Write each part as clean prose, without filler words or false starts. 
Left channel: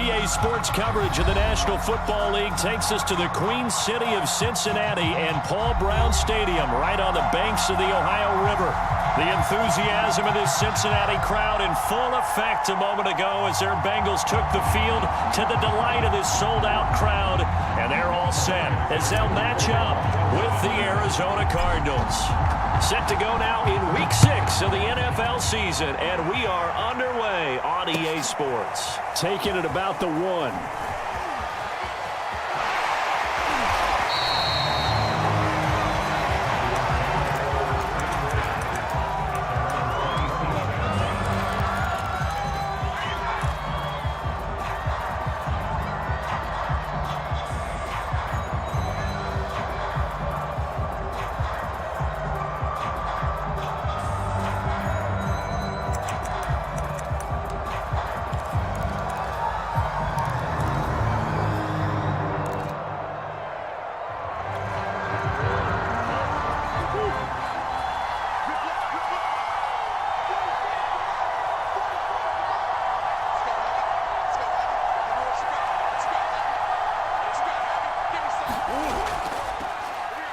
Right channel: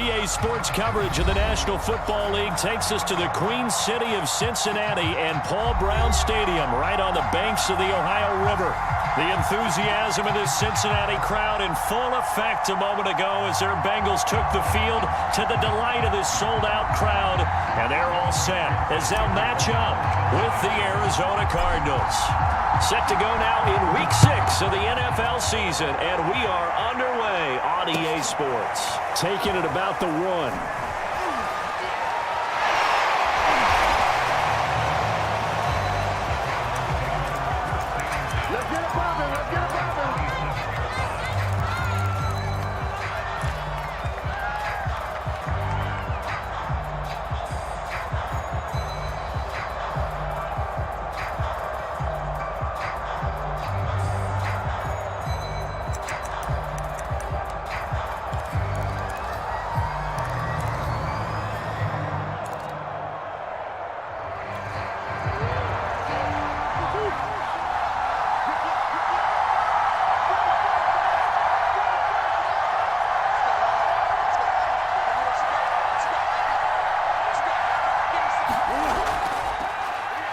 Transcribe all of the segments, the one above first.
EA Sports coverage of the National Football League takes us to the Queen City of Cincinnati and Paul Brown Stadium right on the banks of the Ohio River. The enthusiasm of this Cincinnati crowd in full effect a moment ago as their Bengals took the field to the delight of this sold-out crowd. And they're all set as they'll match up with the Arizona Cardinals. Set to go now in Week 6 of the NFL season, and we are underway on EA Sports. Taking it about the 1.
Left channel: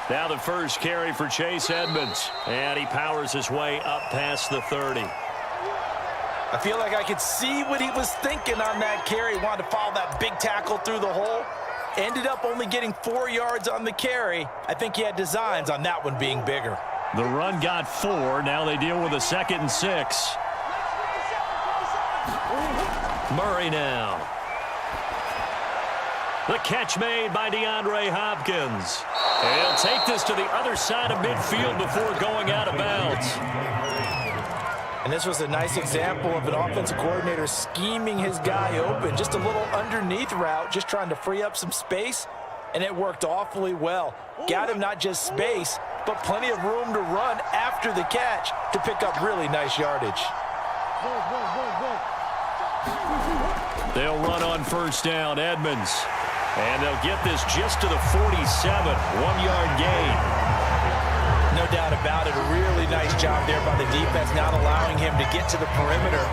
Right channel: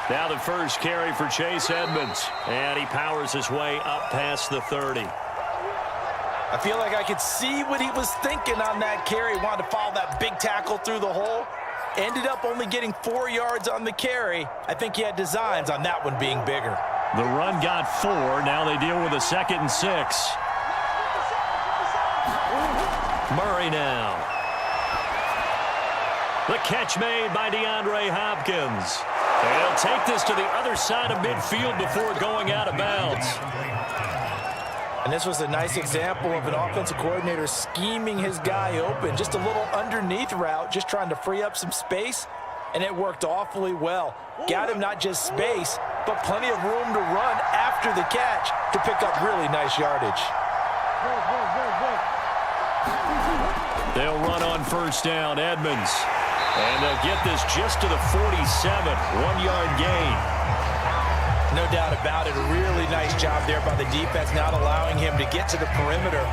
Now the first carry for Chase Edmonds, and he powers his way up past the 30. I feel like I could see what he was thinking on that carry. Wanted to follow that big tackle through the hole. Ended up only getting 4 yards on the carry. I think he had designs on that one being bigger. The run got 4. Now they deal with a 2nd and 6. Murray now. The catch made by DeAndre Hopkins. And he'll take this to the other side of midfield before going out of bounds. And this was a nice example of an offensive coordinator scheming his guy open. Just a little underneath route, just trying to free up some space. And it worked awfully well. Got him not just space, but plenty of room to run after the catch to pick up really nice yardage. They'll run on first down, Edmonds. And they'll get this just to the 47, 1-yard gain. No doubt about it. A really nice job there by the defense, not allowing him to get to the perimeter.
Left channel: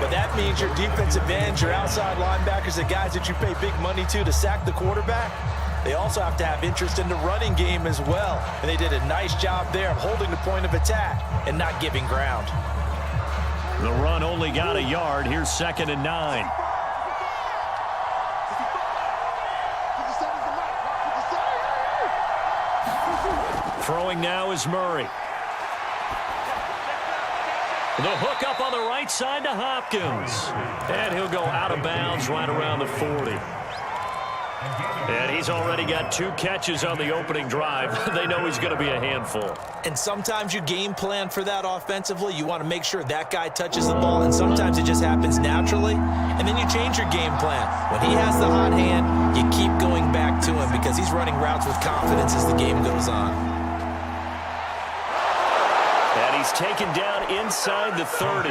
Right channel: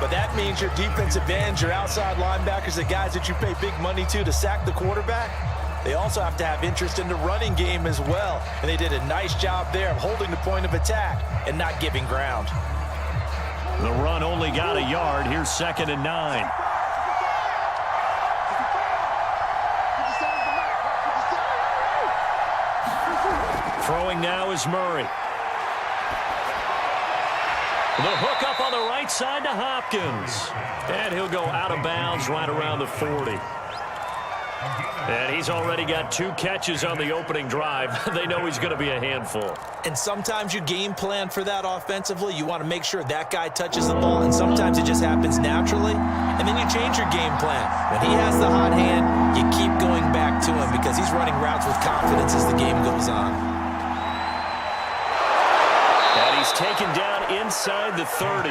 But that means your defensive ends, your outside linebackers, the guys that you pay big money to sack the quarterback, they also have to have interest in the running game as well. And they did a nice job there of holding the point of attack and not giving ground. The run only got a yard. Here's 2nd and 9. Throwing now is Murray. The hook up on the right side to Hopkins. And he'll go out of bounds right around the 40. And he's already got 2 catches on the opening drive. They know he's going to be a handful. And sometimes you game plan for that offensively. You want to make sure that guy touches the ball, and sometimes it just happens naturally. And then you change your game plan. When he has the hot hand, you keep going back to him because he's running routes with confidence as the game goes on. And he's taken down inside the 30.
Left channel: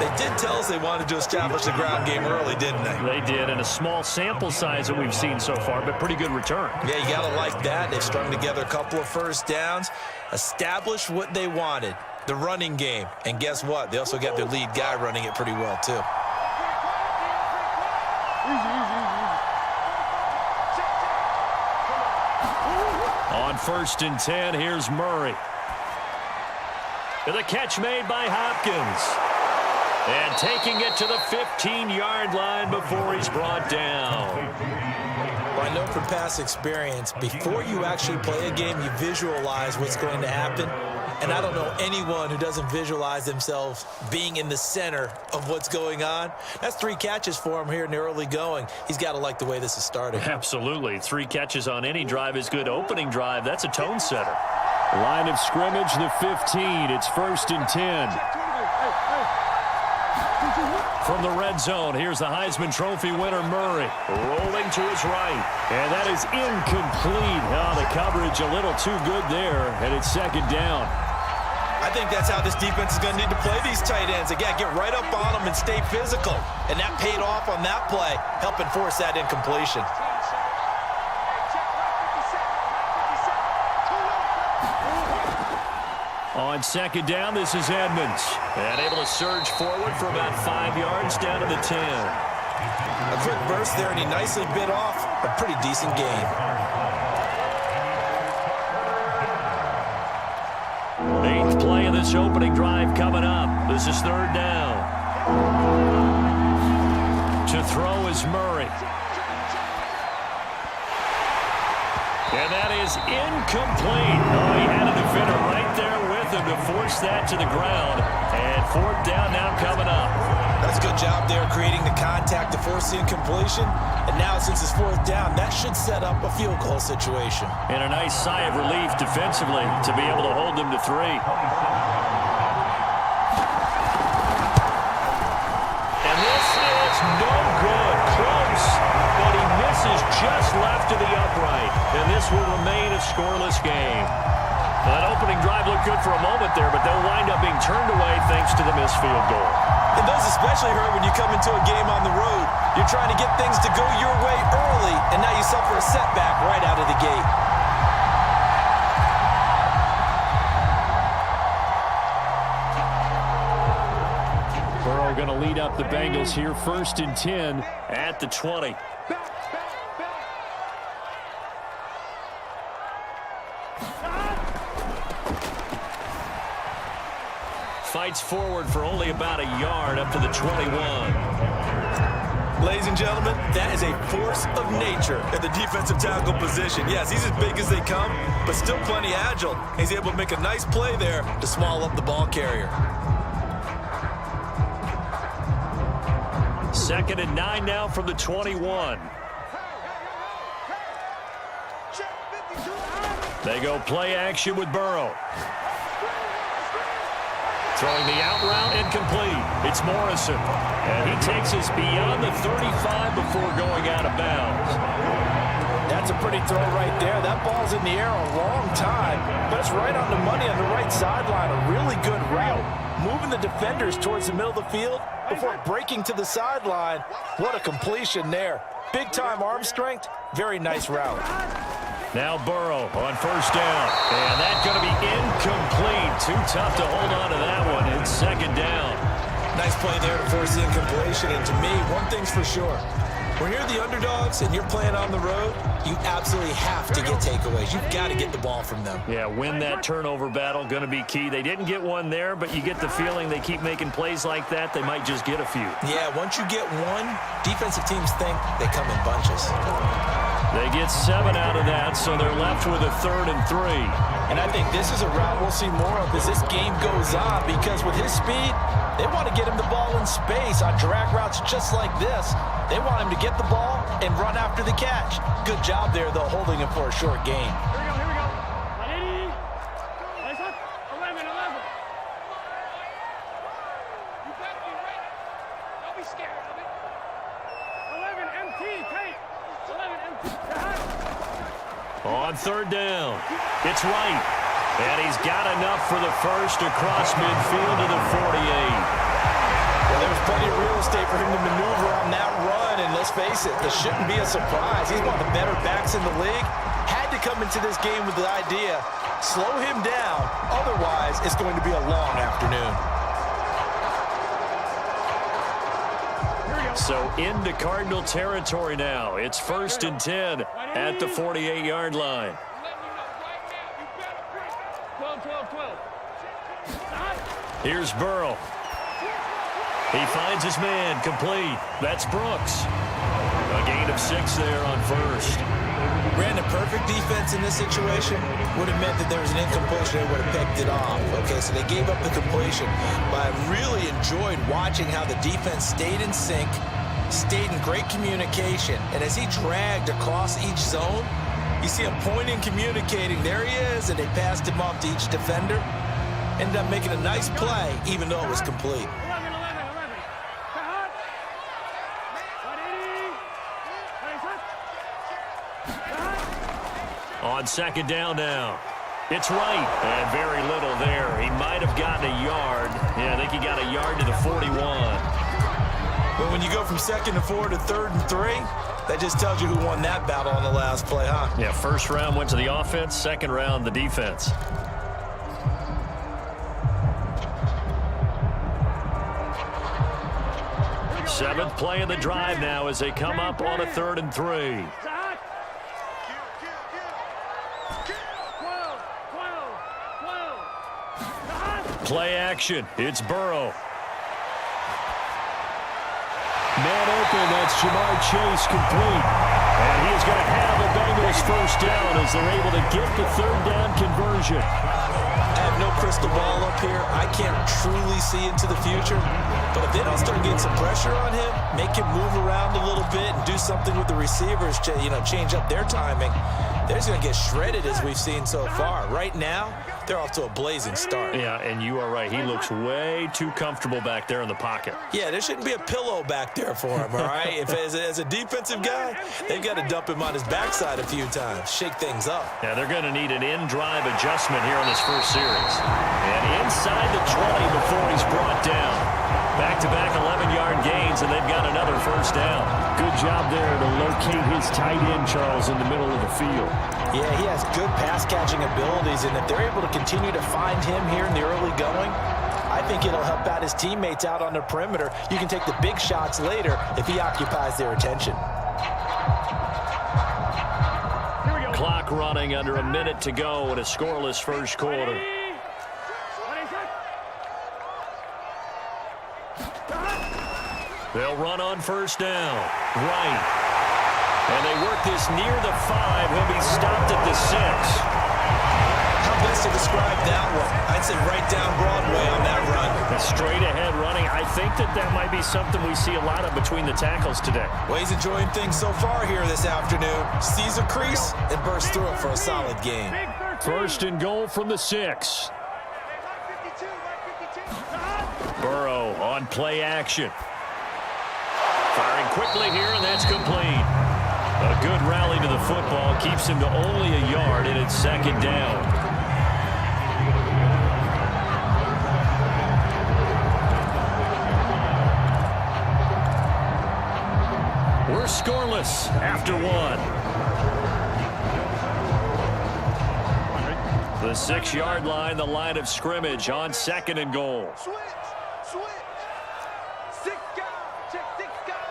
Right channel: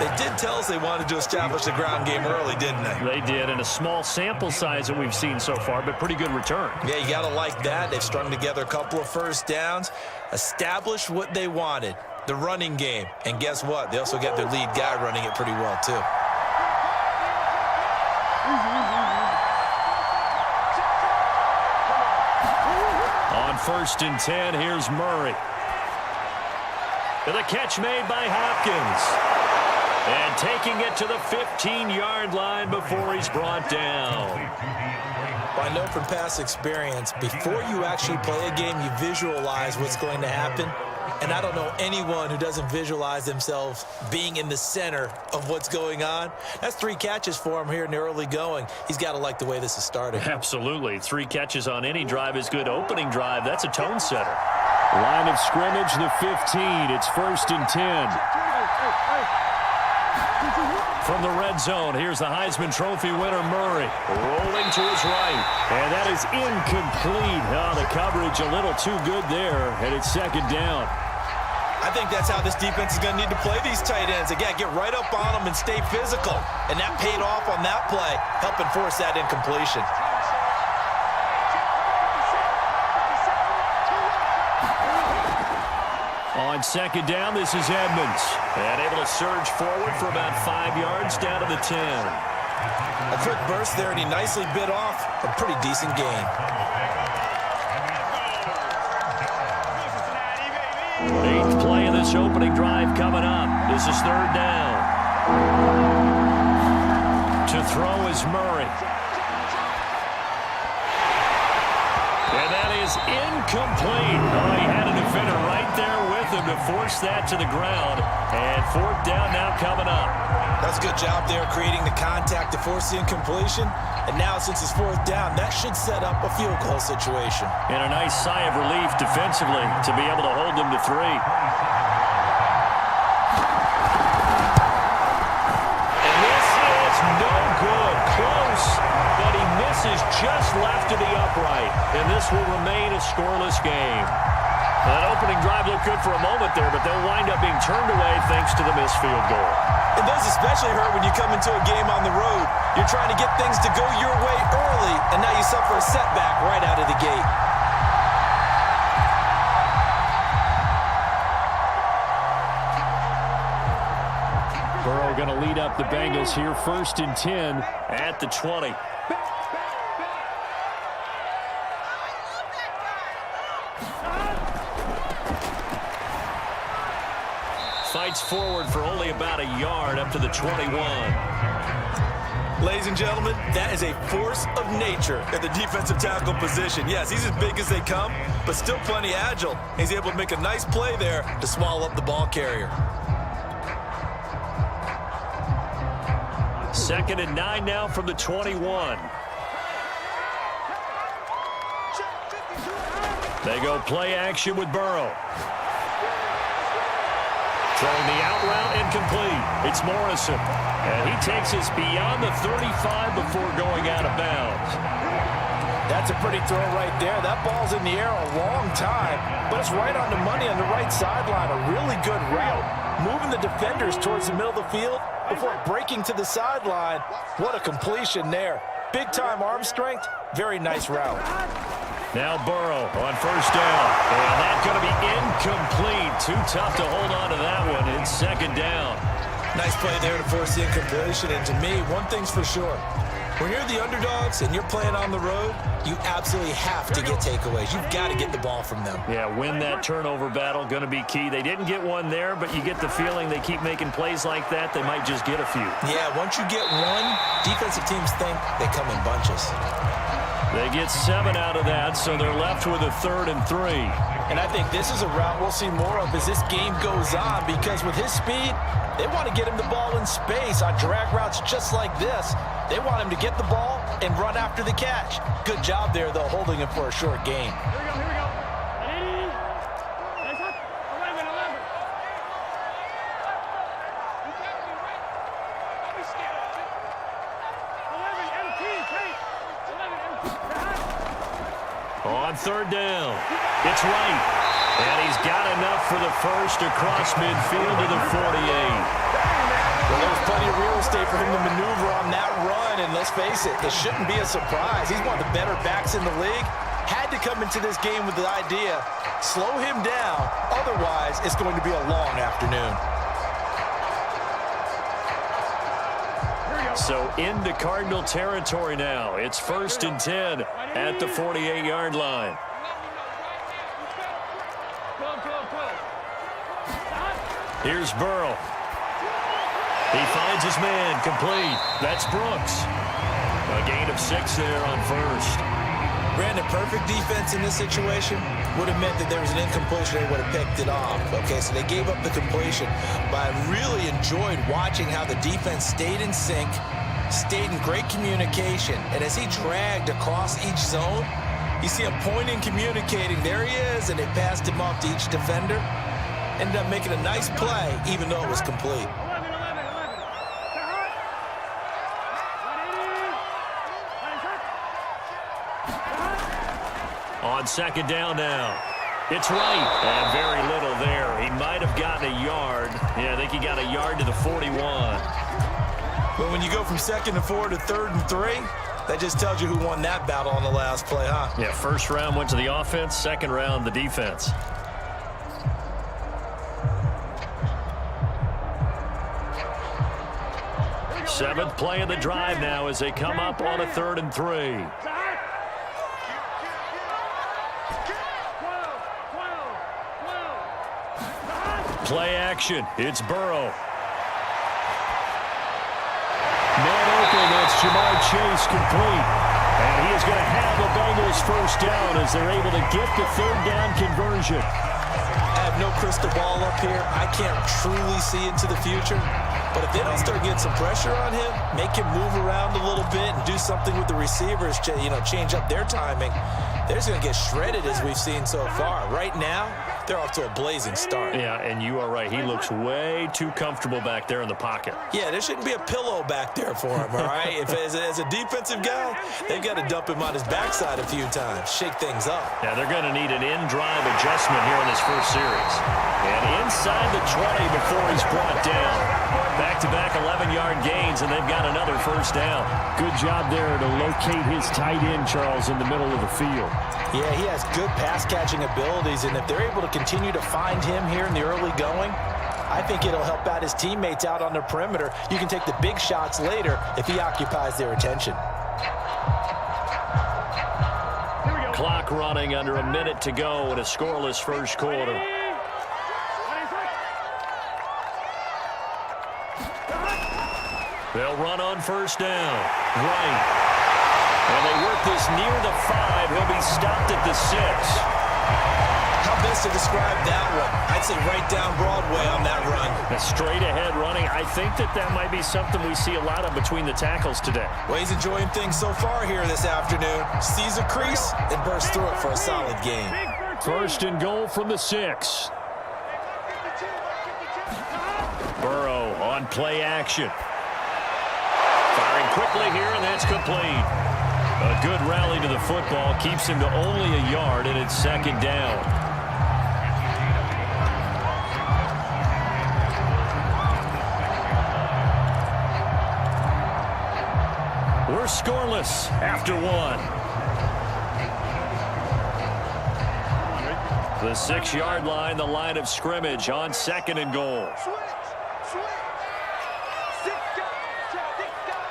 They did tell us they wanted to establish the ground game early, didn't they? They did, and a small sample size that we've seen so far, but pretty good return. Yeah, you got to like that. They've strung together a couple of first downs, established what they wanted, the running game. And guess what? They also got their lead guy running it pretty well, too. On 1st and 10, here's Murray. The catch made by Hopkins. And taking it to the 15-yard line before he's brought down. Well, I know from past experience, before you actually play a game, you visualize what's going to happen. And I don't know anyone who doesn't visualize themselves being in the center of what's going on. That's 3 catches for him here in the early going. He's got to like the way this is starting. Absolutely. 3 catches on any drive is good. Opening drive, that's a tone setter. Line of scrimmage, the 15. It's 1st and 10. From the red zone, here's the Heisman Trophy winner, Murray, rolling to his right. And that is incomplete. Oh, the coverage a little too good there, and it's 2nd down. I think that's how this defense is going to need to play these tight ends. Again, get right up on them and stay physical. And that paid off on that play, helping force that incompletion. On 2nd down, this is Edmonds. And able to surge forward for about 5 yards down to the 10. A quick burst there, and he nicely bit off a pretty decent gain. Eighth play of this opening drive coming up. This is third down. To throw is Murray. And that is incomplete. Oh, he had a defender right there with him to force that to the ground. And fourth down now coming up. That's a good job there creating the contact to force the incompletion. And now since it's fourth down, that should set up a field goal situation. And a nice sigh of relief defensively to be able to hold them to 3. And this is no good. Close, but he misses just left to the upright. And this will remain a scoreless game. Well, that opening drive looked good for a moment there, but they'll wind up being turned away thanks to the missed field goal. And those especially hurt when you come into a game on the road. You're trying to get things to go your way early, and now you suffer a setback right out of the gate. Burrow going to lead up the Bengals here, 1st and 10 at the 20. Fights forward for only about a yard up to the 21. Ladies and gentlemen, that is a force of nature at the defensive tackle position. Yes, he's as big as they come, but still plenty agile. He's able to make a nice play there to swallow up the ball carrier. 2nd and 9 now from the 21. They go play action with Burrow. Throwing the out route incomplete. It's Morrison. And he takes us beyond the 35 before going out of bounds. That's a pretty throw right there. That ball's in the air a long time, but it's right on the money on the right sideline. A really good route. Moving the defenders towards the middle of the field before breaking to the sideline. What a completion there. Big-time arm strength. Very nice route. Now Burrow on 1st down. And that's going to be incomplete. Too tough to hold on to that one. It's 2nd down. Nice play there to force the incompletion. And to me, one thing's for sure. When you're the underdogs and you're playing on the road, you absolutely have to get takeaways. You've got to get the ball from them. Yeah, win that turnover battle, going to be key. They didn't get one there, but you get the feeling they keep making plays like that, they might just get a few. Yeah, once you get one, defensive teams think they come in bunches. They get 7 out of that, so they're left with a 3rd and 3. And I think this is a route we'll see more of as this game goes on, because with his speed, they want to get him the ball in space on drag routes just like this. They want him to get the ball and run after the catch. Good job there, though, holding him for a short gain. Here we go, here we go. 180. Nice up. 11. You got me ready. Don't be scared of it. 11 MT, Kate. 11 MT. On 3rd down, it's Wright. And he's got enough for the first across midfield to the 48. Well, there's plenty of real estate for him to maneuver on that run, and let's face it shouldn't be a surprise. He's one of the better backs in the league. Had to come into this game with the idea, slow him down, otherwise it's going to be a long afternoon. So into Cardinal territory now. It's 1st and 10 at the 48-yard line. 12. Here's Burrow. He finds his man, complete. That's Brooks. A gain of 6 there on 1st. Brandon, perfect defense in this situation would have meant that there was an incompletion. They would have picked it off. Okay, so they gave up the completion. But I really enjoyed watching how the defense stayed in sync, stayed in great communication. And as he dragged across each zone, you see him pointing, communicating. There he is, and they passed him off to each defender. Ended up making a nice play, even though it was complete. 11. On 2nd down now. It's Wright. And very little there. He might have gotten a yard. Yeah, I think he got a yard to the 41. But when you go from 2nd and 4 to 3rd and 3, that just tells you who won that battle on the last play, huh? Yeah, 1st round went to the offense, 2nd round the defense. Seventh play of the drive now as they come up on a 3rd and 3. Play action. It's Burrow. Man open. That's Jamar Chase complete. And he is going to have a Bengals first down as they're able to get the 3rd down conversion. I have no crystal ball up here. I can't truly see into the future. But if they don't start getting some pressure on him, make him move around a little bit and do something with the receivers, change up their timing, they're just going to get shredded as we've seen so far. Right now, they're off to a blazing start. Yeah, and you are right. He looks way too comfortable back there in the pocket. Yeah, there shouldn't be a pillow back there for him, all right? If as a defensive guy, they've got to dump him on his backside a few times, shake things up. Yeah, they're going to need an in-drive adjustment here in this first series. And inside the 20 before he's brought down. Back-to-back 11-yard gains, and they've got another first down. Good job there to locate his tight end, Charles, in the middle of the field. Yeah, he has good pass-catching abilities, and if they're able to continue to find him here in the early going, I think it'll help out his teammates out on the perimeter. You can take the big shots later if he occupies their attention. Clock running under a minute to go in a scoreless first quarter. They'll run on first down. Right. And they work this near the 5. He'll be stopped at the 6. How best to describe that one? I'd say right down Broadway on that run. A straight ahead running. I think that might be something we see a lot of between the tackles today. Well, he's enjoying things so far here this afternoon. Sees a crease and bursts through it for a solid game. First and goal from the 6. Burrow on play action. Firing quickly here, and that's complete. A good rally to the football keeps him to only a yard, and it's 2nd down. We're scoreless after 1. The 6-yard line, the line of scrimmage on 2nd and goal. Switch. 6 guys. Check 6 guys.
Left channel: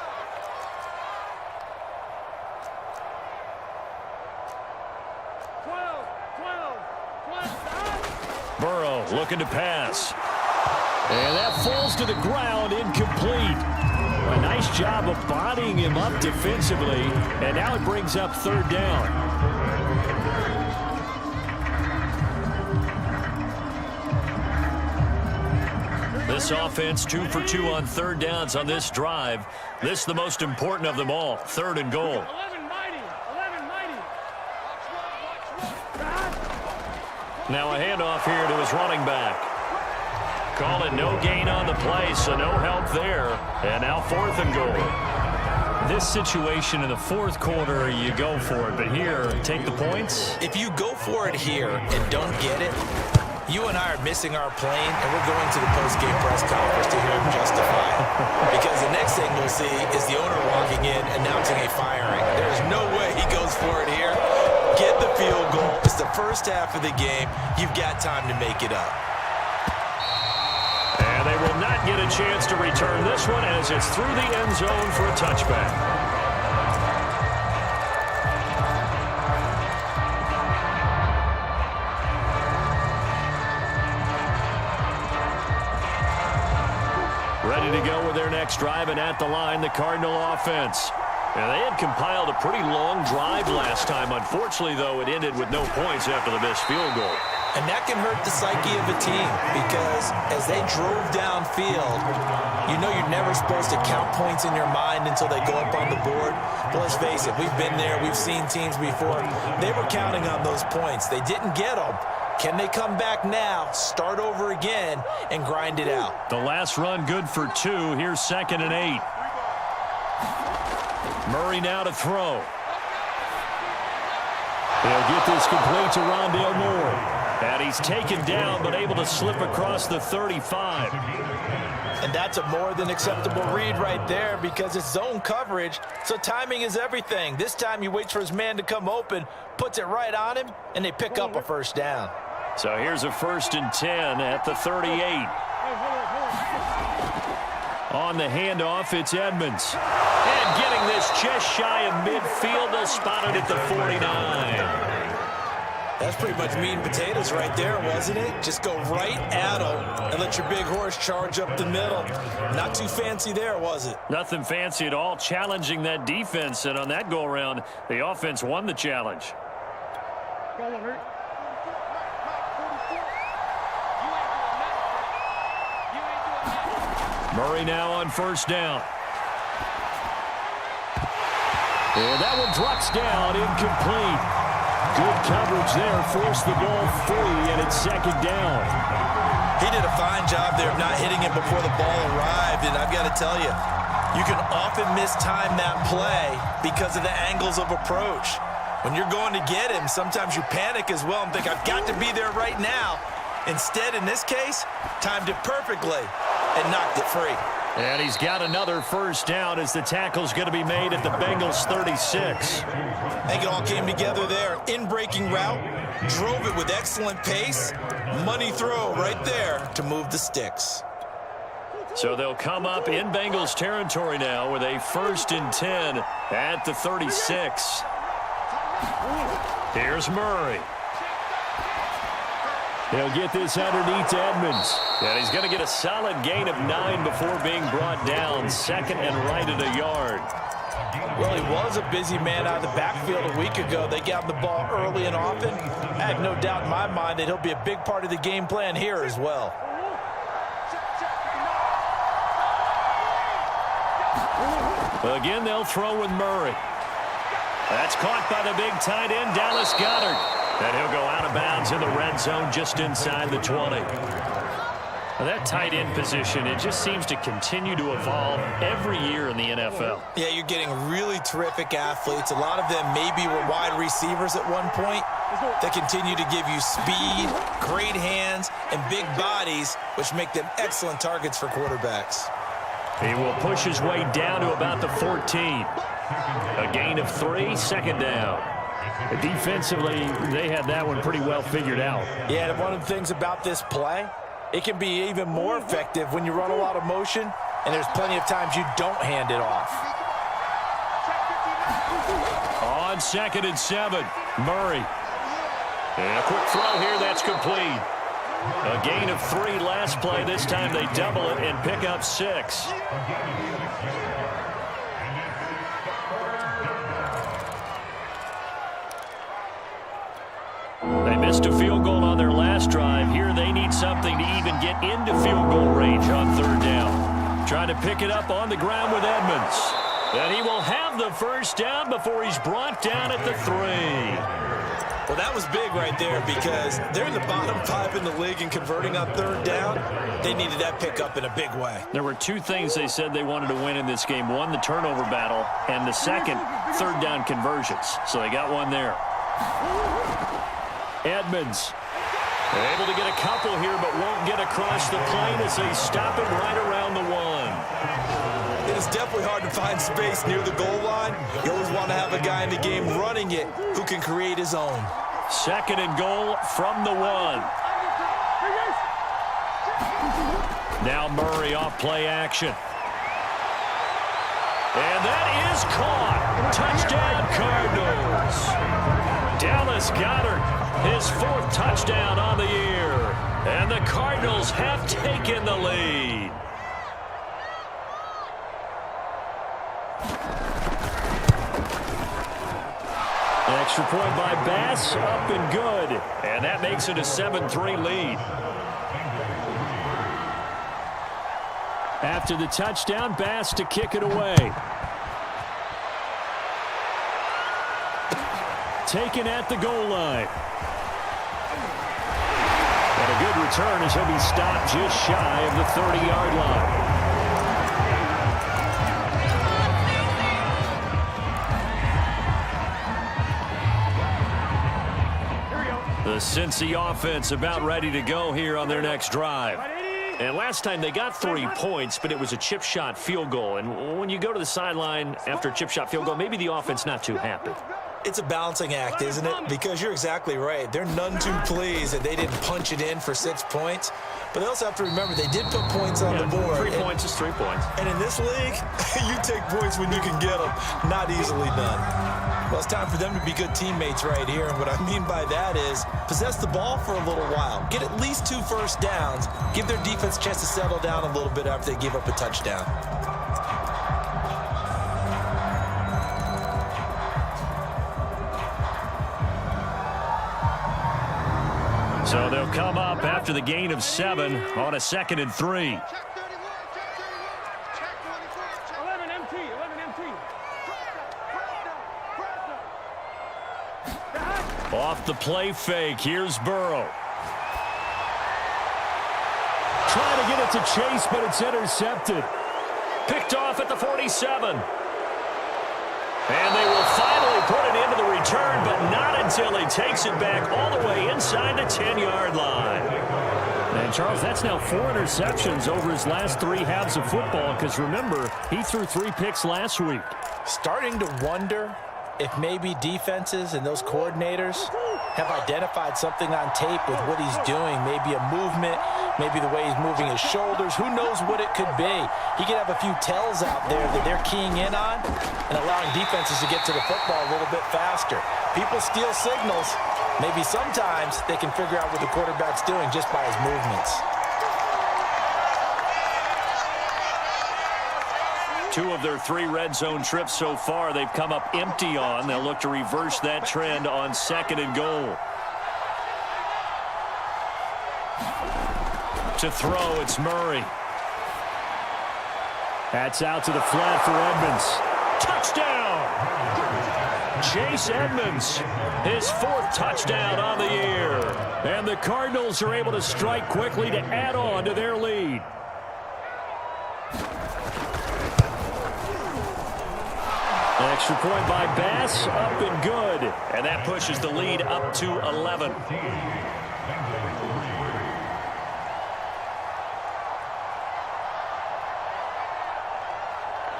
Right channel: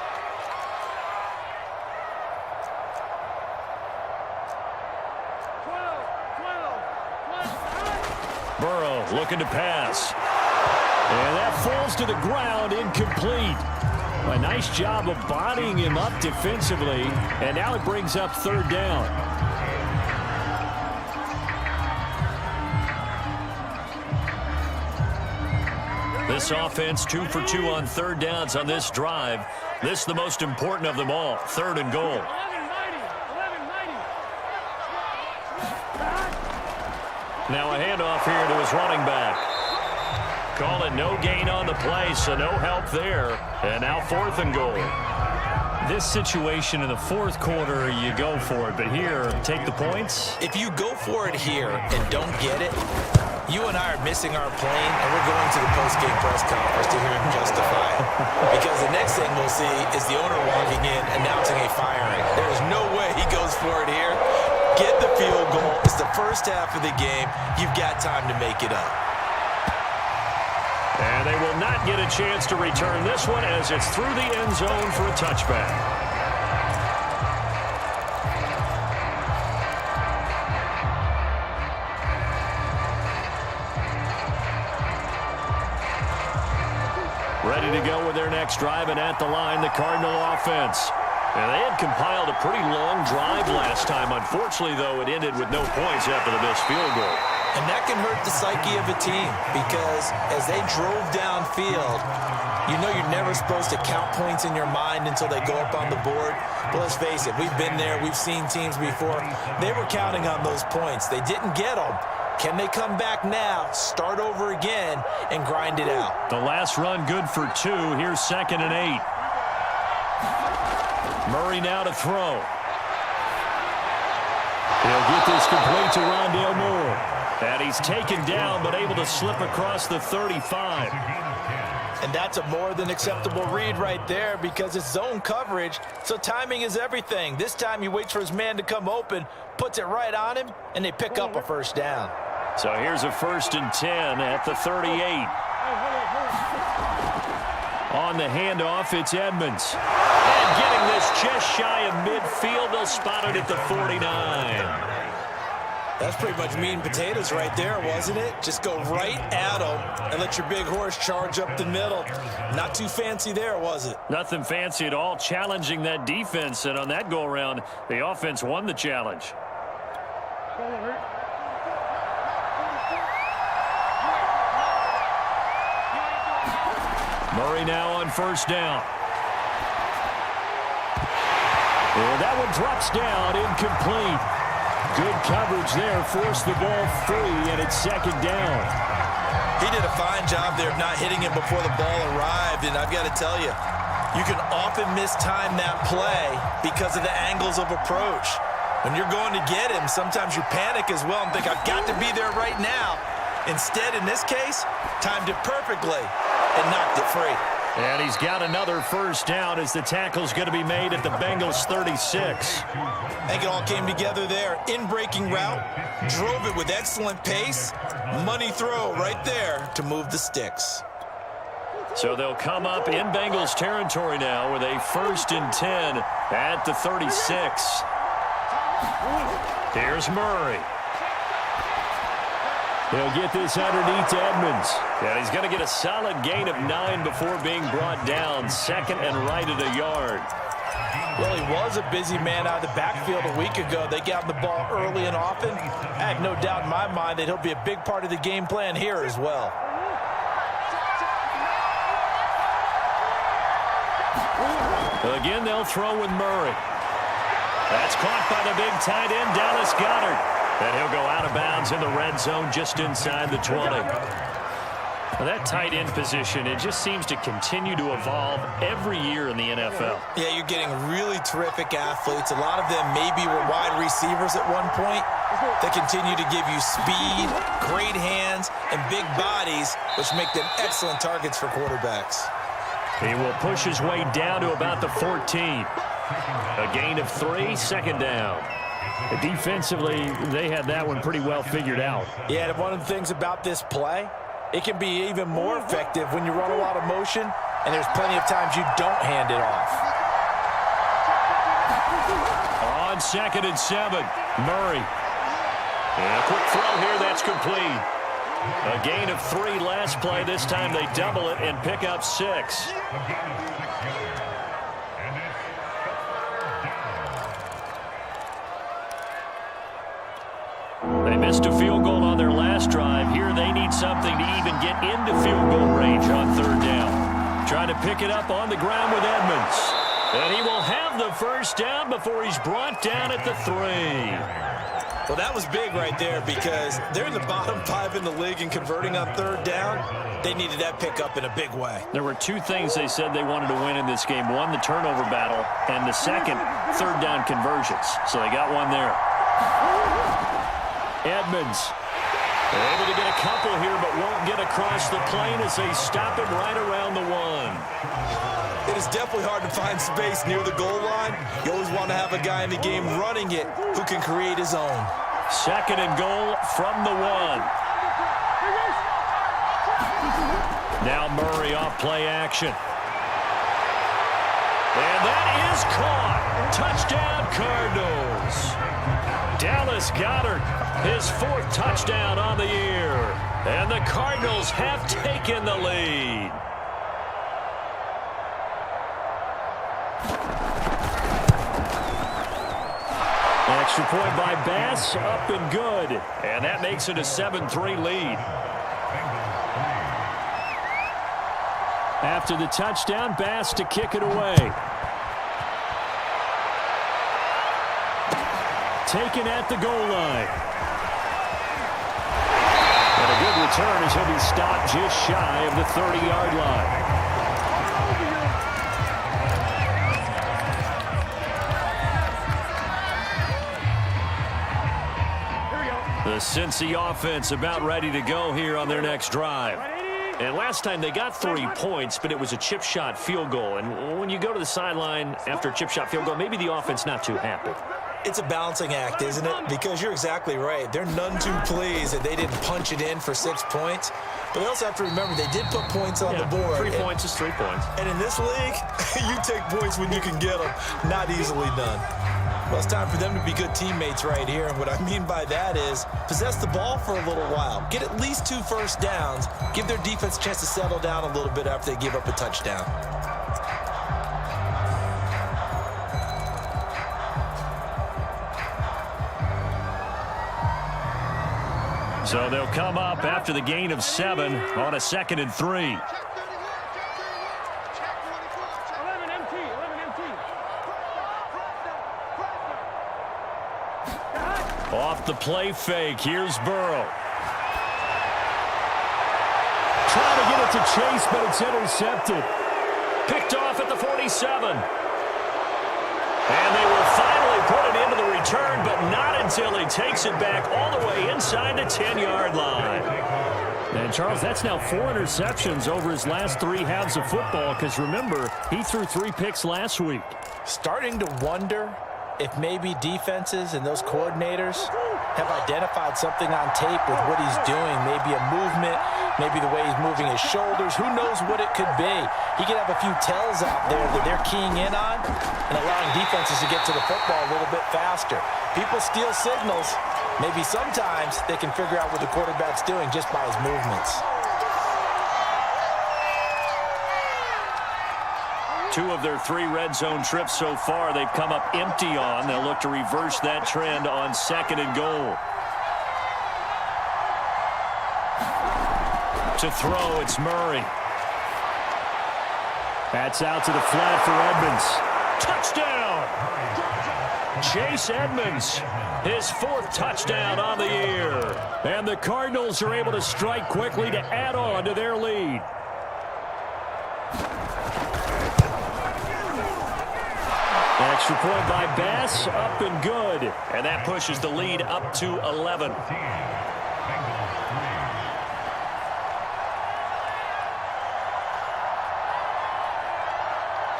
Burrow looking to pass. And that falls to the ground, incomplete. A nice job of bodying him up defensively, and now it brings up 3rd down. This offense 2 for 2 on 3rd downs on this drive. This is the most important of them all, 3rd and goal. 11 mighty. Now a handoff here to his running back. Call it no gain on the play, so no help there. And now 4th and goal. This situation in the 4th quarter, you go for it. But here, take the points. If you go for it here and don't get it, you and I are missing our plane, and we're going to the post-game press conference to hear him justify it. Because the next thing we'll see is the owner walking in announcing a firing. There is no way he goes for it here. Get the field goal. It's the first half of the game. You've got time to make it up. And they will not get a chance to return this one as it's through the end zone for a touchback. Ready to go with their next drive, and at the line, the Cardinal offense. And they had compiled a pretty long drive last time. Unfortunately, though, it ended with no points after the missed field goal. And that can hurt the psyche of a team because as they drove downfield, you know you're never supposed to count points in your mind until they go up on the board. But let's face it, we've been there. We've seen teams before. They were counting on those points. They didn't get them. Can they come back now, start over again, and grind it out? The last run good for 2. Here's 2nd and 8. Murray now to throw. He'll get this complete to Rondale Moore. And he's taken down, but able to slip across the 35. And that's a more than acceptable read right there because it's zone coverage, so timing is everything. This time he waits for his man to come open, puts it right on him, and they pick up a first down. So here's a 1st and 10 at the 38. On the handoff, it's Edmonds. And getting this just shy of midfield, they'll spot it at the 49. That's pretty much meat and potatoes right there, wasn't it? Just go right at them and let your big horse charge up the middle. Not too fancy there, was it? Nothing fancy at all, challenging that defense. And on that go-around, the offense won the challenge. Go on, hurt. Murray now on first down. And that one drops down, incomplete. Good coverage there, forced the ball free, and it's second down. He did a fine job there of not hitting it before the ball arrived, and I've got to tell you, you can often mistime that play because of the angles of approach. When you're going to get him, sometimes you panic as well and think, I've got to be there right now. Instead, in this case, timed it perfectly and knocked it free. And he's got another first down as the tackle's going to be made at the Bengals 36. I think it all came together there. In-breaking route, drove it with excellent pace. Money throw right there to move the sticks. So they'll come up in Bengals territory now with a 1st and 10 at the 36. Here's Murray. He'll get this underneath to Edmonds. And he's going to get a solid gain of 9 before being brought down. 2nd and right at a yard. Well, he was a busy man out of the backfield a week ago. They got the ball early and often. I have no doubt in my mind that he'll be a big part of the game plan here as well. Again, they'll throw with Murray. That's caught by the big tight end, Dallas Goedert. And he'll go out of bounds in the red zone just inside the 20. Now that tight end position, it just seems to continue to evolve every year in the NFL. Yeah, you're getting really terrific athletes. A lot of them maybe were wide receivers at one point. They continue to give you speed, great hands, and big bodies, which make them excellent targets for quarterbacks. He will push his way down to about the 14. A gain of 3, 2nd down. Defensively, they had that one pretty well figured out. Yeah, and one of the things about this play, it can be even more effective when you run a lot of motion, and there's plenty of times you don't hand it off. On 2nd and 7, Murray. And a quick throw here, that's complete. A gain of 3 last play. This time they double it and pick up 6. They missed a field goal on their last drive. Here they need something to even get into field goal range on 3rd down. Trying to pick it up on the ground with Edmonds. And he will have the first down before he's brought down at the 3. Well, that was big right there because they're in the bottom 5 in the league in converting on 3rd down. They needed that pickup in a big way. There were 2 things they said they wanted to win in this game. One, the turnover battle, and the second, 3rd down conversions. So they got one there. Edmonds able to get a couple here, but won't get across the plane as they stop him right around the 1. It is definitely hard to find space near the goal line. You always want to have a guy in the game running it who can create his own. 2nd and goal from the 1. Now Murray off play action. And that is caught. Touchdown, Cardinals. Dallas Goedert, his 4th touchdown on the year. And the Cardinals have taken the lead. Extra point by Bass, up and good. And that makes it a 7-3 lead. After the touchdown, Bass to kick it away. Taken at the goal line. And a good return as he'll be stopped just shy of the 30-yard line. The Cincy offense about ready to go here on their next drive. And last time they got 3 points, but it was a chip shot field goal. And when you go to the sideline after a chip shot field goal, maybe the offense not too happy. It's a balancing act, isn't it? Because you're exactly right. They're none too pleased that they didn't punch it in for 6 points. But they also have to remember they did put points on the board. 3 points is 3 points. And in this league, you take points when you can get them. Not easily done. Well, it's time for them to be good teammates right here. And what I mean by that is possess the ball for a little while. Get at least 2 first downs. Give their defense a chance to settle down a little bit after they give up a touchdown. So they'll come up after the gain of 7 on a 2nd and 3. Check 31, check 31, check 11 MT, 11 MT. Press down. Off the play fake, here's Burrow. Trying to get it to Chase, but it's intercepted. Picked off at the 47. And they will finally put it into the return, but not until he takes it back all the way inside the 10-yard line. And, Charles, that's now 4 interceptions over his last 3 halves of football, because, remember, he threw 3 picks last week. Starting to wonder if maybe defenses and those coordinators have identified something on tape with what he's doing. Maybe a movement, maybe the way he's moving his shoulders. Who knows what it could be? He could have a few tells out there that they're keying in on and allowing defenses to get to the football a little bit faster. People steal signals. Maybe sometimes they can figure out what the quarterback's doing just by his movements. 2 of their 3 red zone trips so far they've come up empty on. They'll look to reverse that trend on 2nd and goal. To throw, it's Murray. That's out to the flat for Edmonds. Touchdown! Chase Edmonds, his 4th touchdown on the year. And the Cardinals are able to strike quickly to add on to their lead. Extra point by Bass, up and good. And that pushes the lead up to 11.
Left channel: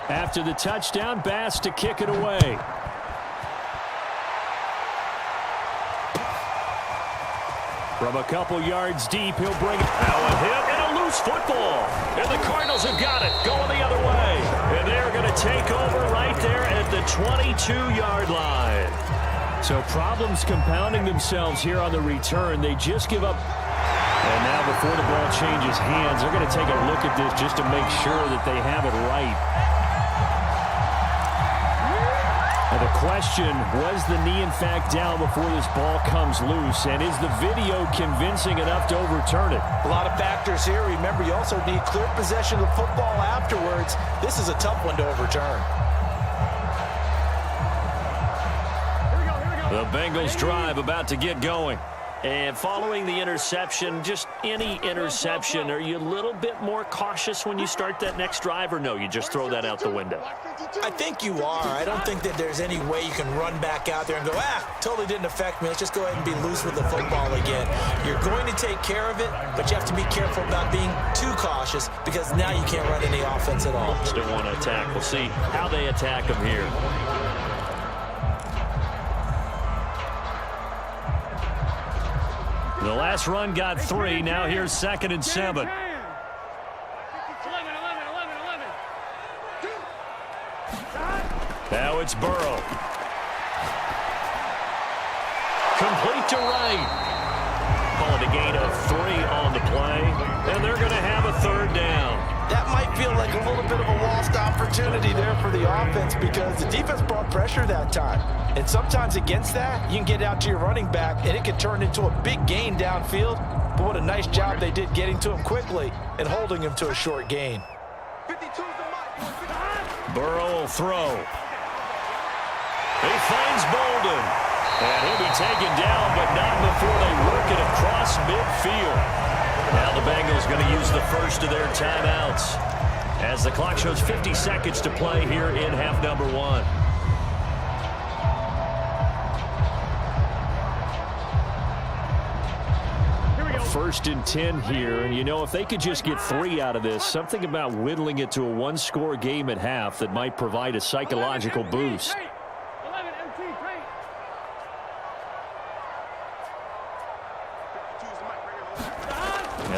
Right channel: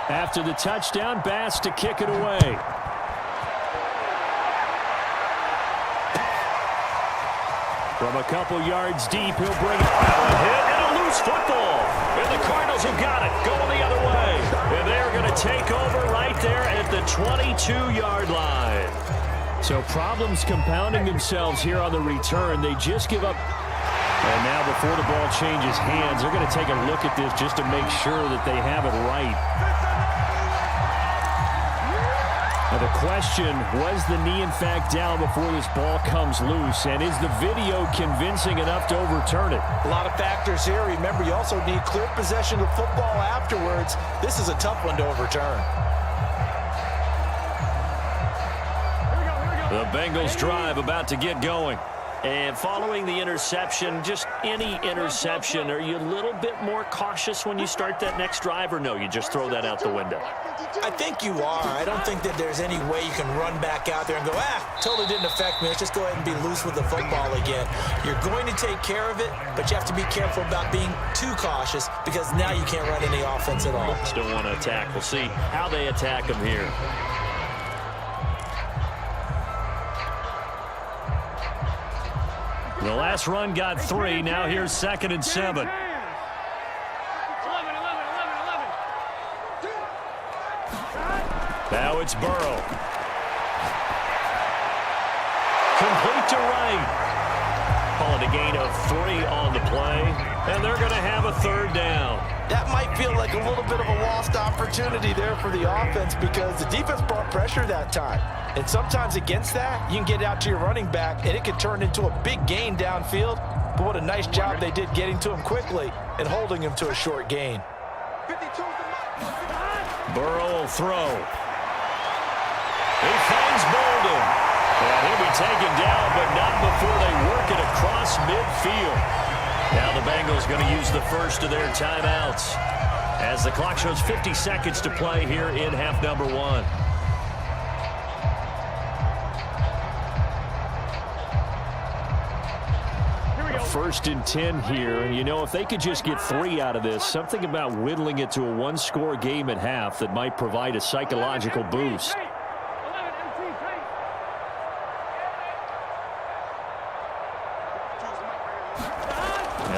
After the touchdown, Bass to kick it away. From a couple yards deep, he'll bring it. Now a hit and a loose football. And the Cardinals have got it, going the other way. And they're going to take over right there at the 22-yard line. So problems compounding themselves here on the return. They just give up. And now before the ball changes hands, they're going to take a look at this just to make sure that they have it right. Now the question, was the knee in fact down before this ball comes loose? And is the video convincing enough to overturn it? A lot of factors here. Remember, you also need clear possession of football afterwards. This is a tough one to overturn. Here we go. The Bengals drive about to get going. And following the interception, just any interception, are you a little bit more cautious when you start that next drive, or no, you just throw that out the window? I think you are. I don't think that there's any way you can run back out there and go, totally didn't affect me. Let's just go ahead and be loose with the football again. You're going to take care of it, but you have to be careful about being too cautious because now you can't run any offense at all. Still want to attack. We'll see how they attack them here. The last run got 3. Now here's 2nd and 7. 11. Now it's Burrow. Complete to right. Call it a gain of 3 on the play. And they're going to have a 3rd down. That might feel like a little bit of a lost opportunity there for the offense because the defense brought pressure that time. And sometimes against that, you can get out to your running back, and it could turn into a big gain downfield. But what a nice job they did getting to him quickly and holding him to a short gain. Burrow will throw. He finds Bolden. And he'll be taken down, but not before they work it across midfield. Now the Bengals going to use the first of their timeouts as the clock shows 50 seconds to play here in half number 1. First and 10 here, and you know, if they could just get 3 out of this, something about whittling it to a 1-score game at half that might provide a psychological boost. 11 MT,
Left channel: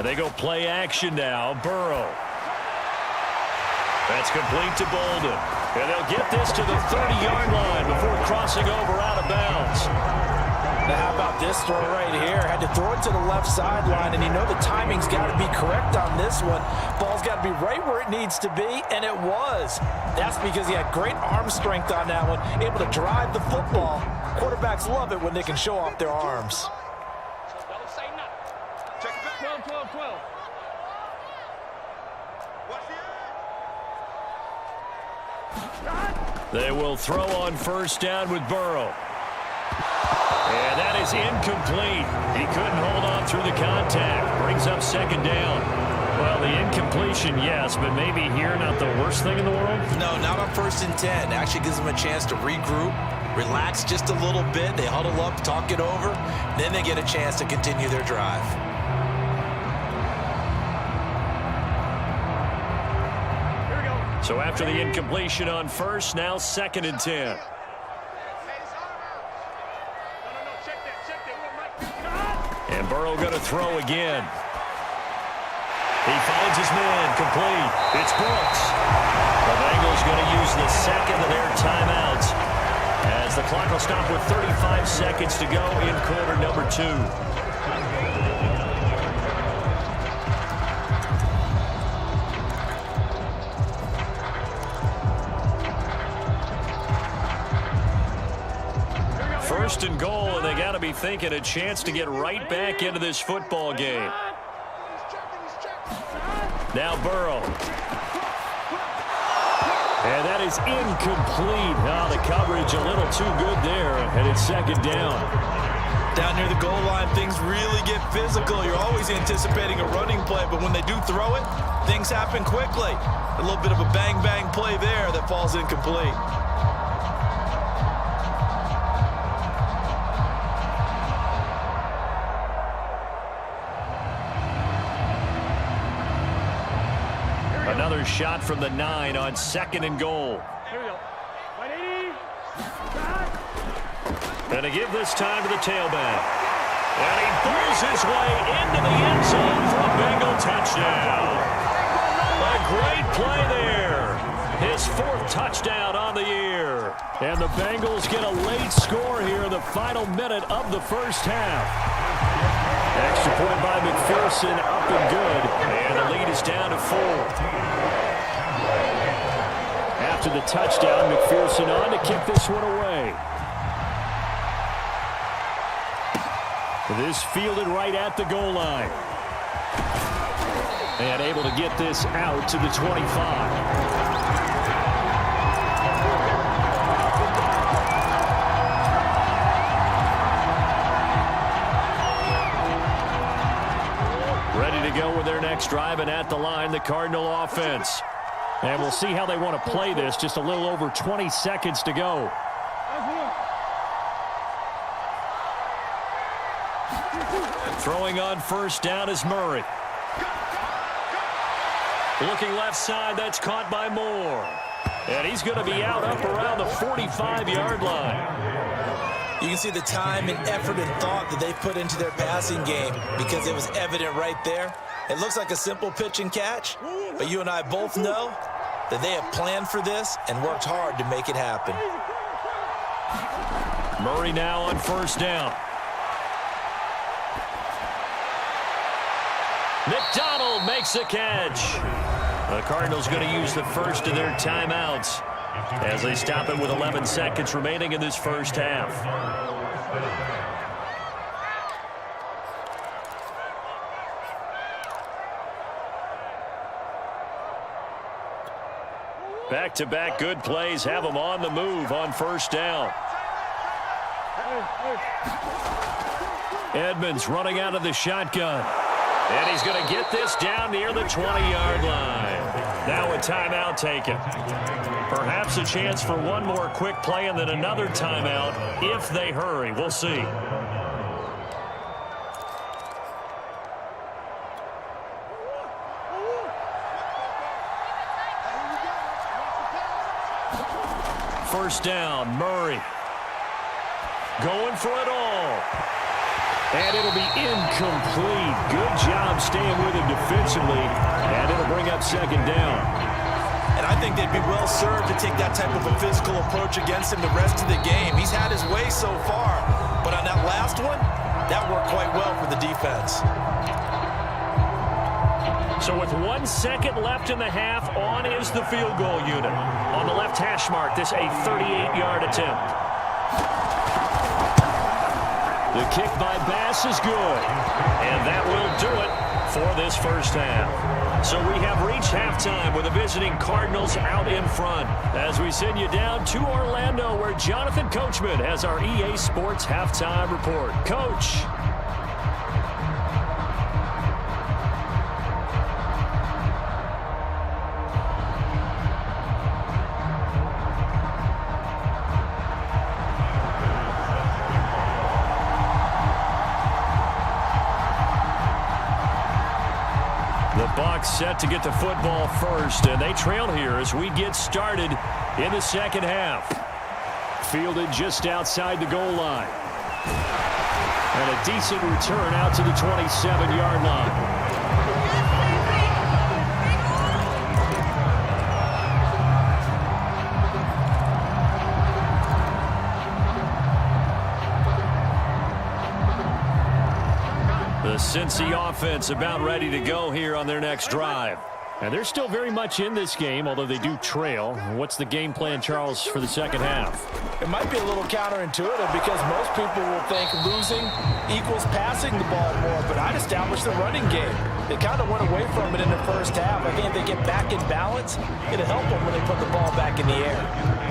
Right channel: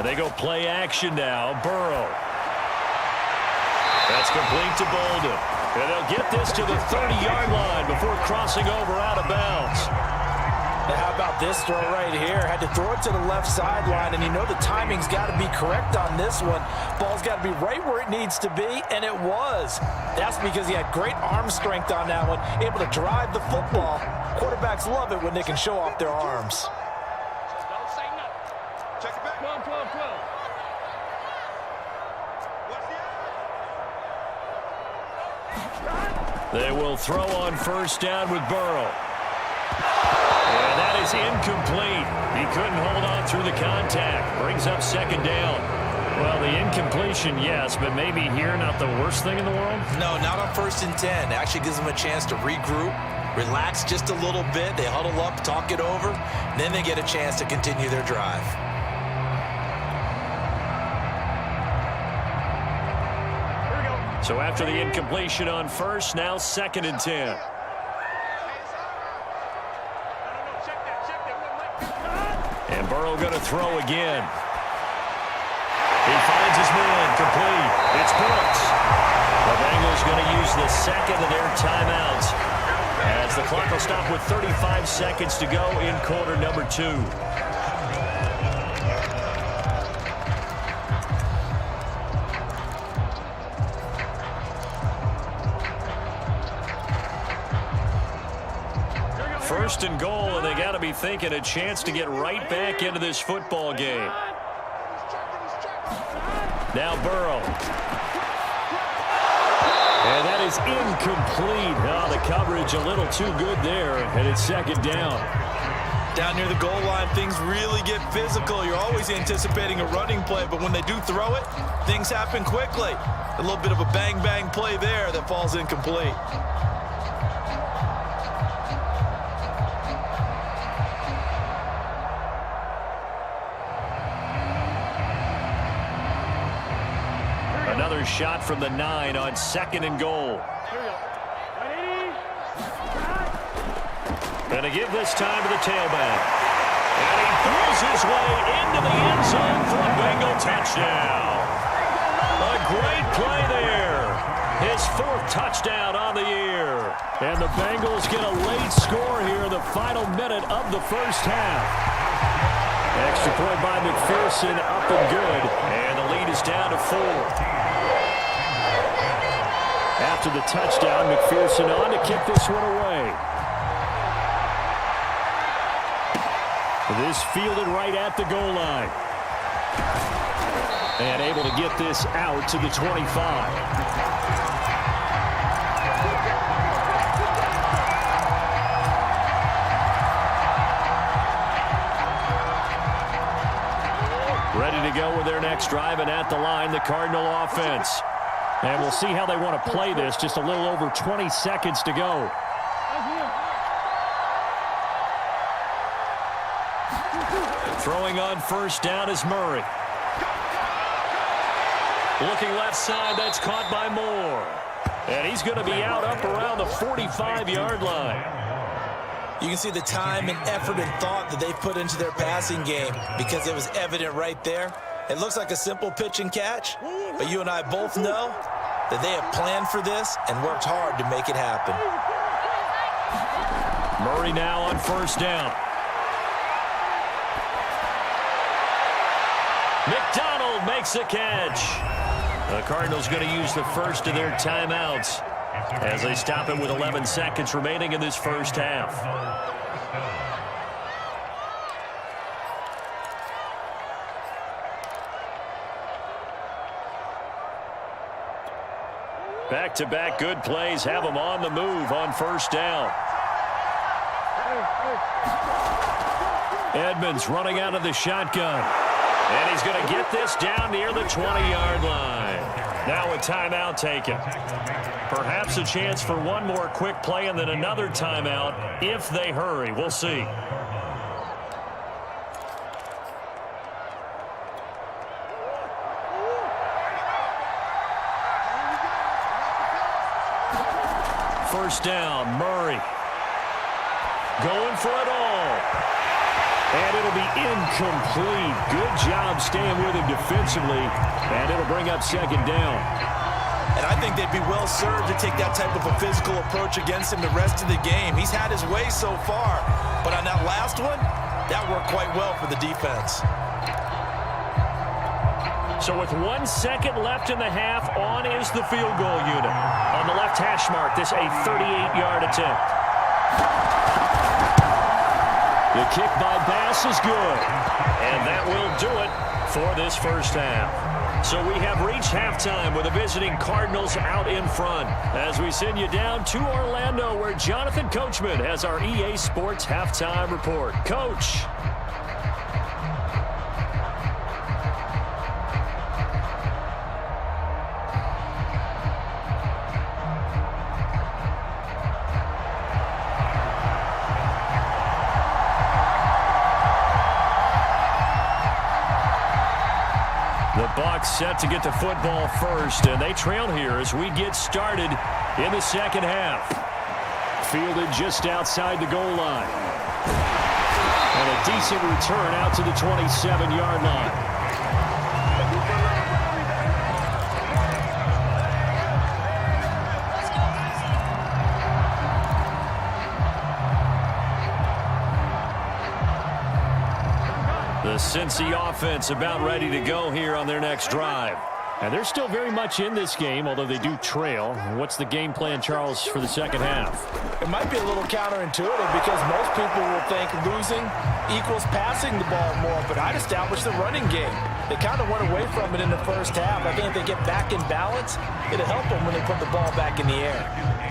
And they go play action now. Burrow. That's complete to Bolden. And they'll get this to the 30-yard line before crossing over out of bounds. Now how about this throw right here? Had to throw it to the left sideline, and you know the timing's got to be correct on this one. Ball's got to be right where it needs to be, and it was. That's because he had great arm strength on that one, able to drive the football. Quarterbacks love it when they can show off their arms. So don't say nothing. Check it back. 12, 12, 12. What's the They will throw on first down with Burrow. And that is incomplete. He couldn't hold on through the contact. Brings up second down. Well, the incompletion, yes, but maybe here not the worst thing in the world? No, not on 1st and 10. Actually gives them a chance to regroup, relax just a little bit. They huddle up, talk it over. Then they get a chance to continue their drive. Here we go. So after the incompletion on first, now 2nd and 10. And Burrow going to throw again. He finds his man, complete. It's Brooks. The Bengals going to use the second of their timeouts as the clock will stop with 35 seconds to go in quarter number 2. First and goal, and they got to be thinking a chance to get right back into this football game. Now Burrow. And that is incomplete. Oh, the coverage a little too good there, and it's 2nd down. Down near the goal line, things really get physical. You're always anticipating a running play, but when they do throw it, things happen quickly. A little bit of a bang-bang play there that falls incomplete. Another shot from the 9 on 2nd and goal. Here we go. 180. And to give this time to the tailback. And he throws his way into the end zone for a Bengal touchdown. A great play there. His 4th touchdown on the year. And the Bengals get a late score here in the final minute of the first half. Extra point by McPherson, up and good. And the lead is down to 4. After the touchdown, McPherson on to kick this one away. This fielded right at the goal line. And able to get this out to the 25. Ready to go with their next drive, and at the line, the Cardinal offense. And we'll see how they want to play this. Just a little over 20 seconds to go. Throwing on first down is Murray. Looking left side, that's caught by Moore. And he's going to be out up around the 45-yard line. You can see the time and effort and thought that they've put into their passing game because it was evident right there. It looks like a simple pitch and catch, but you and I both know that they have planned for this and worked hard to make it happen. Murray now on first down. McDonald makes the catch. The Cardinals going to use the first of their timeouts as they stop it with 11 seconds remaining in this first half. Back-to-back good plays have them on the move on first down. Edmonds running out of the shotgun. And he's going to get this down near the 20-yard line. Now a timeout taken. Perhaps a chance for one more quick play and then another timeout if they hurry. We'll see. First down, Murray. Going for it all. And it'll be incomplete. Good job staying with him defensively. And it'll bring up second down. And I think they'd be well served to take that type of a physical approach against him the rest of the game. He's had his way so far. But on that last one, that worked quite well for the defense. So with 1 second left in the half, on is the field goal unit. On the left hash mark, this a 38-yard attempt. The kick by Bass is good. And that will do it for this first half. So we have reached halftime with the visiting Cardinals out in front as we send you down to Orlando where Jonathan Coachman has our EA Sports halftime report. Coach. The Bucs set to get the football first, and they trail here as we get started in the second half. Fielded just outside the goal line. And a decent return out to the 27-yard line. The Cincy offense about ready to go here on their next drive. And they're still very much in this game, although they do trail. What's the game plan, Charles, for the second half? It might be a little counterintuitive because most people will think losing equals passing the ball more, but I'd establish the running game. They kind of went away from it in the first half. I think if they get back in balance, it'll help them when they put the ball back in the air.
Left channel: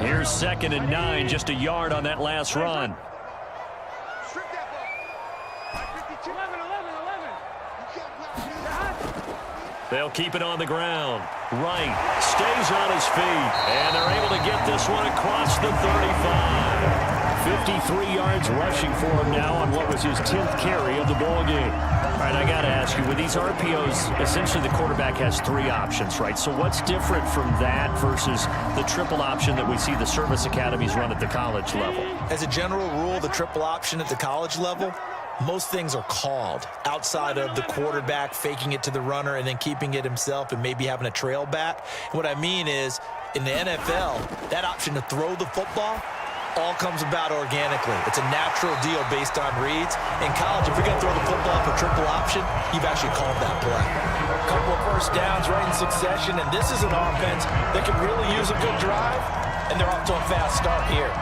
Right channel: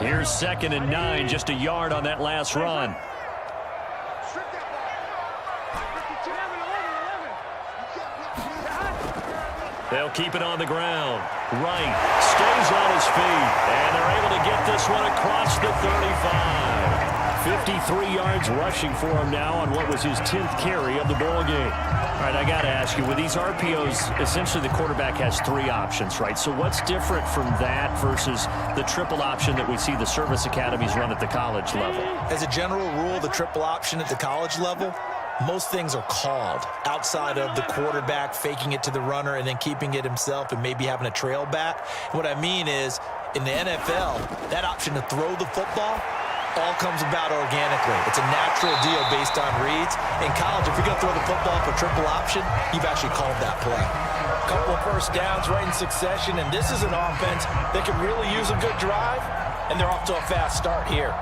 Here's 2nd and 9, just a yard on that last run. Strip that ball. 52, 11. They'll keep it on the ground. Wright stays on his feet, and they're able to get this one across the 35. 53 yards rushing for him now on what was his 10th carry of the ball game. All right, I got to ask you, with these RPOs, essentially the quarterback has 3 options, right? So what's different from that versus the triple option that we see the service academies run at the college level? As a general rule, the triple option at the college level, most things are called outside of the quarterback faking it to the runner and then keeping it himself and maybe having a trail back. What I mean is, in the NFL, that option to throw the football all comes about organically. It's a natural deal based on reads. In college, if you're going to throw the football for triple option, you've actually called that play. A couple of first downs right in succession, and this is an offense that can really use a good drive, and they're off to a fast start here.